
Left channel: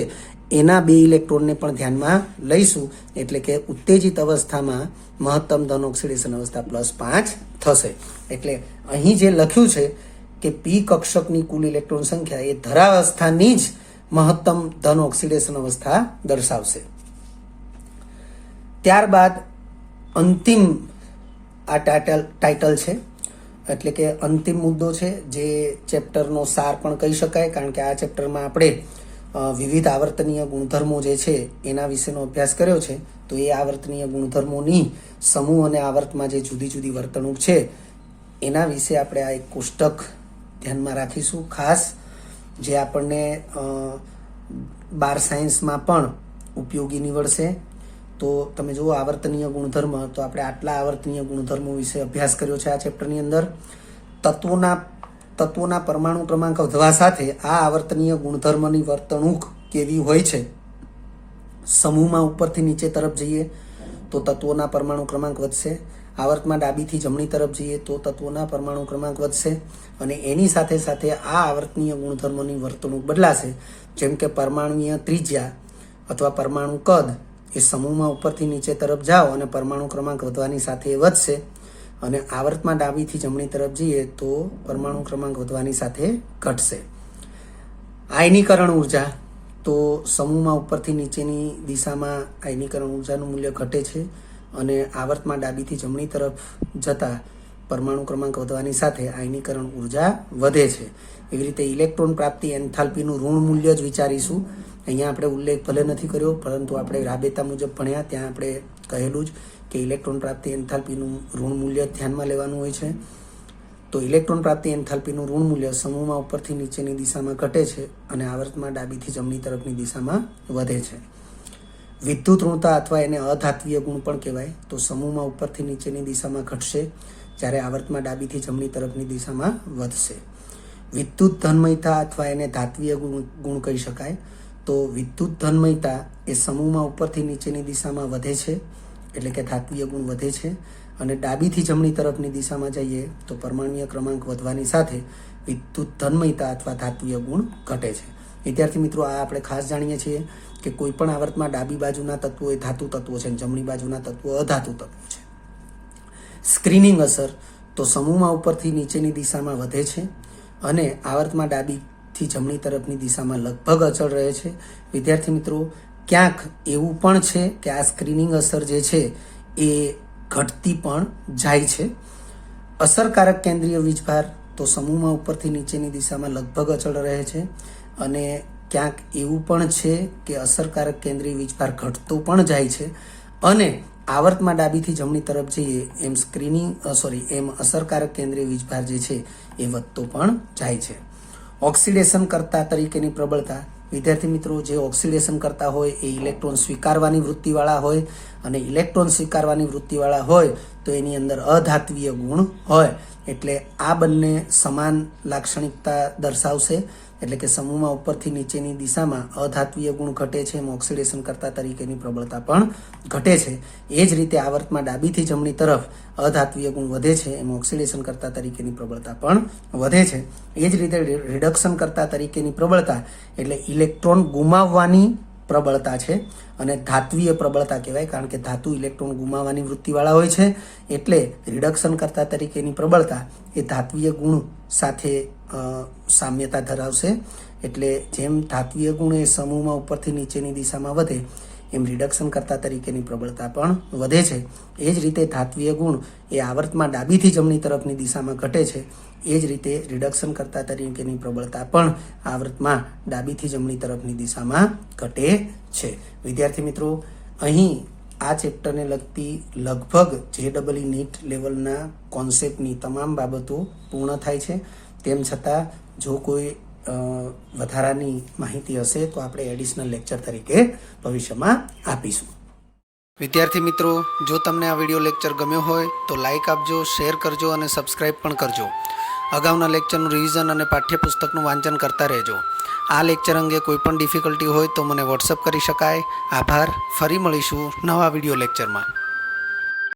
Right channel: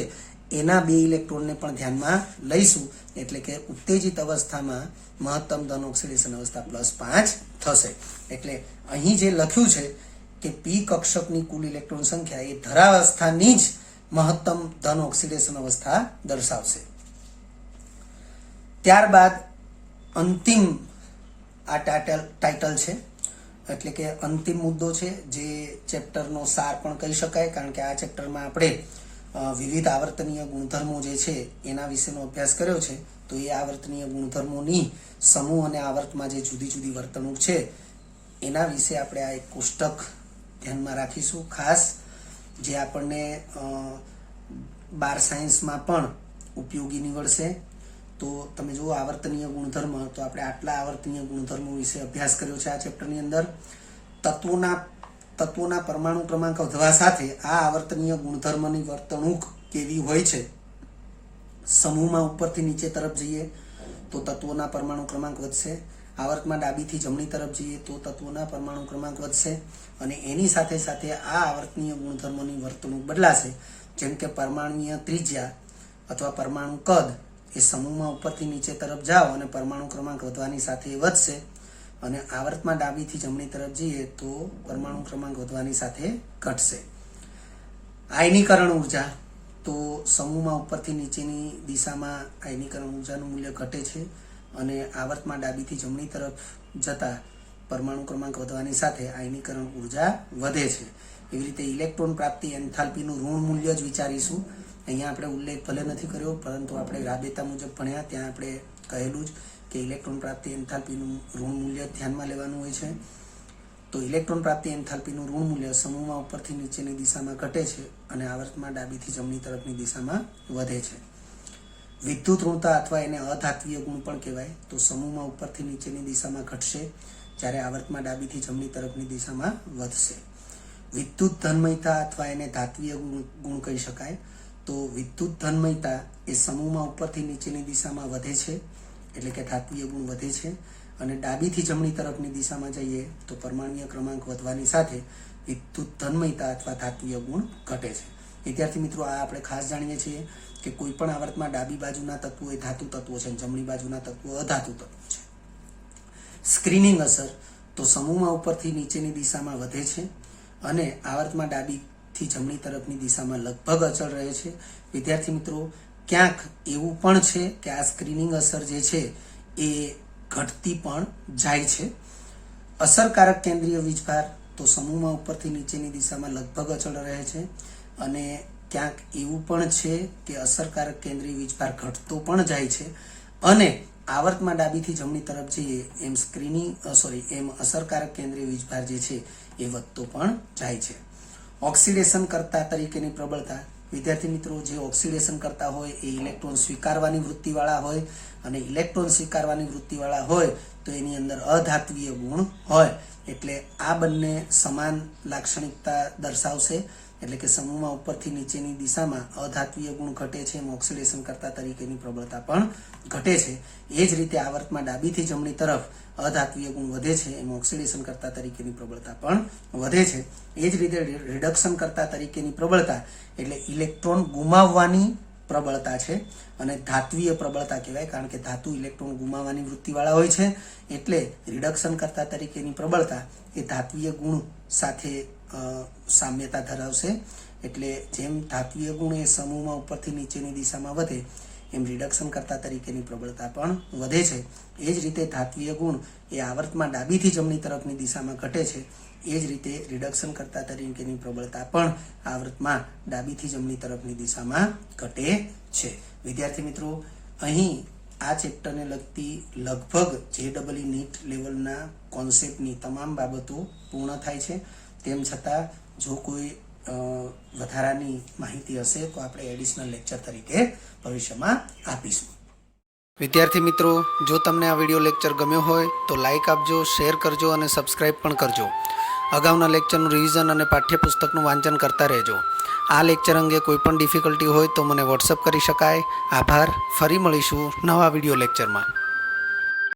એના 2 ઇલેક્ટ્રોનને પણ ધ્યાનમાં લઈશું, એટલે કે ઉત્તેજિત અવસ્થામાં મહત્તમ ધન ઓક્સિડેશન અવસ્થા +5 થશે. એટલે અહીં જે લખ્યું છે કે પી કક્ષકની કુલ ઇલેક્ટ્રોન સંખ્યા એ ધરાવસ્થાની જ મહત્તમ ધન ઓક્સિડેશન અવસ્થા દર્શાવશે. ત્યારબાદ અંતિમ આ ટાઇટલ છે, એટલે કે અંતિમ મુદ્દો છે, જે ચેપ્ટરનો સાર પણ કહી શકાય, કારણ કે આ ચેપ્ટરમાં આપણે વિવિધ આવર્તનીય ગુણધર્મો જે છે એના વિશેનો અભ્યાસ કર્યો છે. તો એ આવર્તનીય ગુણધર્મોની સમૂહ અને આવર્તમાં જે જુદી જુદી વર્તણૂક છે એના વિશે આપણે આ એક કોષ્ટક ધ્યાનમાં રાખીશું ખાસ, જે આપણને 12 સાયન્સમાં પણ ઉપયોગી નીવડશે. તો તમે જુઓ આવર્તનીય ગુણધર્મ, તો આપણે આટલા આવર્તનીય ગુણધર્મો વિશે અભ્યાસ કર્યો છે આ ચેપ્ટરની અંદર. તત્વોના પરમાણુ ક્રમાંક વધવા સાથે આ આવર્તનીય ગુણધર્મની વર્તણૂક કેવી હોય છે. સમૂહમાં ઉપરથી નીચે તરફ જઈએ તો તત્વોના પરમાણુ ક્રમાંક વધશે, આવર્તમાં ડાબીથી જમણી તરફ જઈએ તો તત્વોના પરમાણુ ક્રમાંક વધશે, અને એની સાથે સાથે આ આવર્તનીય ગુણધર્મોની વર્તણૂક બદલાશે. જેમ કે પરમાણુય ત્રિજ્યા અથવા પરમાણુ કદ એ સમૂહમાં ઉપરથી નીચે તરફ જાઓ અને પરમાણુ ક્રમાંક વધવાની સાથે વધશે, અને આવર્તમાં ડાબીથી જમણી તરફ જઈએ તો પરમાણુ ક્રમાંક વધવાની સાથે ઘટશે. આયનીકરણ ઉર્જા, તો સમૂહમાં ઉપરથી નીચેની દિશામાં આયનીકરણ ઉર્જાનું મૂલ્ય ઘટે છે અને આવર્તમાં ડાબીથી જમણી તરફ જતા પરમાણુ ક્રમાંક વધવાની સાથે આયનીકરણ ઉર્જા વધે છે. એવી રીતે ઇલેક્ટ્રોન પ્રાપ્તિ એન્થાલ્પીનું ઋણ મૂલ્ય જ વિચારીશું. અહીંયા આપણે ઉલ્લેખ ભલે નથી કર્યો, પરંતુ આપણે રાબેતા મુજબ ભણ્યા ત્યાં આપણે કહેલું જ કે ઇલેક્ટ્રોન પ્રાપ્તિ એન્થાલ્પીનું ઋણ મૂલ્ય ધ્યાનમાં લેવાનું હોય છે. તો ઇલેક્ટ્રોન પ્રાપ્તિ એન્થાલ્પીનું ઋણ મૂલ્ય સમૂહમાં ઉપરથી નીચેની દિશામાં ઘટે છે અને આવર્તમાં ડાબીથી જમણી તરફની દિશામાં વધે છે. વિદ્યુત ઋણતા અથવા એને અધાત્વીય ગુણ પણ કહેવાય. તો સમૂહમાં ઉપરથી નીચેની દિશામાં ઘટશે, જ્યારે આવર્તમાં ડાબીથી જમણી તરફની દિશામાં વધશે. વિદ્યુત ધન્મયતા અથવા એને ધાત્વીય ગુણ કહી શકાય. તો વિદ્યુત ધન્મયતા એ સમૂહમાં ઉપરથી નીચેની દિશામાં વધે છે, એટલે કે ધાત્વીય ગુણ વધે છે, અને ડાબીથી જમણી તરફની દિશામાં જઈએ તો પરમાણુય ક્રમાંક વધવાની સાથે વિદ્યુત ધન્મયતા અથવા ધાત્વીય ગુણ ઘટે છે. વિદ્યાર્થી મિત્રો, આ આપણે ખાસ જાણીએ છીએ કે કોઈ પણ આવર્તમાં ડાબી બાજુના તત્વો એ ધાતુ તત્વો છે અને જમણી બાજુના તત્વો અધાતુ તત્વો છે. સ્ક્રીનિંગ અસર, તો સમૂહમાં ઉપરથી નીચેની દિશામાં વધે છે અને આવર્તમાં ડાબીથી જમણી તરફની દિશામાં લગભગ અચળ રહે છે. વિદ્યાર્થી મિત્રો, ક્યાંક એવું પણ છે કે આ સ્ક્રીનિંગ અસર જે છે એ ઘટતી પણ જાય છે. અસરકારક કેન્દ્રીય વીજભાર, તો સમૂહમાં ઉપરથી નીચેની દિશામાં લગભગ અચળ રહે છે અને ક્યાંક એવું પણ છે કે અસરકારક કેન્દ્રીય વીજભાર ઘટતો પણ જાય છે અને આવર્તમાં ડાબીથી જમણી તરફ જઈએ એમ અસરકારક કેન્દ્રીય વીજભાર જે છે એ વધતો પણ જાય છે. ઓક્સિડેશન કરતા તરીકેની પ્રબળતા, વિદ્યાર્થી મિત્રો, જે ઓક્સિડેશન કરતા હોય એ ઇલેક્ટ્રોન સ્વીકારવાની વૃત્તિવાળા હોય અને ઇલેક્ટ્રોન સ્વીકારવાની વૃત્તિવાળા હોય તો એની અંદર અધાત્વીય ગુણ હોય, એટલે આ બંને સમાન લાક્ષણિકતા દર્શાવશે. એટલે કે સમૂહમાં ઉપરથી નીચેની દિશામાં અધાત્વીય ગુણ ઘટે છે એમ ઓક્સિડેશન કરતા તરીકેની પ્રબળતા પણ ઘટે છે. એ જ રીતે આવર્તમાં ડાબીથી જમણી તરફ અધાત્વીય ગુણ વધે છે એમ ઓક્સિડેશન કરતા તરીકેની પ્રબળતા પણ વધે છે. એ જ રીતે રિડક્શન કરતા તરીકેની પ્રબળતા એટલે ઇલેક્ટ્રોન ગુમાવવાની પ્રબળતા છે અને ધાત્વીય પ્રબળતા કહેવાય, કારણ કે ધાતુ ઇલેક્ટ્રોન ગુમાવવાની વૃત્તિવાળા હોય છે. એટલે રિડક્શન કરતા તરીકેની પ્રબળતા એ ધાત્વીય ગુણ સાથે સામ્યતા ધરાવશે. એટલે જેમ ધાત્વીય ગુણ એ સમૂહમાં ઉપરથી નીચેની દિશામાં વધે એમ રિડક્શન કરતા તરીકેની પ્રબળતા પણ વધે છે. એ જ રીતે ધાત્વીય ગુણ એ આવર્તમાં ડાબીથી જમણી તરફની દિશામાં ઘટે છે. એ જ રીતે રિડક્શન કરતા તરીકેની પ્રબળતા પણ આવર્તમાં ડાબીથી જમણી તરફની દિશામાં ઘટે છે. વિદ્યાર્થી મિત્રો, અહીં આ ચેપ્ટરને લગતી લગભગ JEE નીટ લેવલના કોન્સેપ્ટની તમામ બાબતો પૂર્ણ થાય છે. તેમ છતાં જો કોઈ વધારાની માહિતી હશે તો આપણે એડિશનલ લેક્ચર તરીકે ભવિષ્યમાં આપીશું. વિદ્યાર્થી મિત્રો, જો તમને આ વિડીયો લેક્ચર ગમ્યો હોય તો લાઇક આપજો, શેર કરજો અને સબસ્ક્રાઇબ પણ કરજો. અગાઉના લેક્ચરનું રિવિઝન અને પાઠ્યપુસ્તકનું વાંચન કરતા રહેજો. આ લેક્ચર અંગે કોઈ પણ ડિફિકલ્ટી હોય તો મને વોટ્સઅપ કરી શકાય. આભાર. ફરી મળીશું નવા વિડીયો લેક્ચરમાં.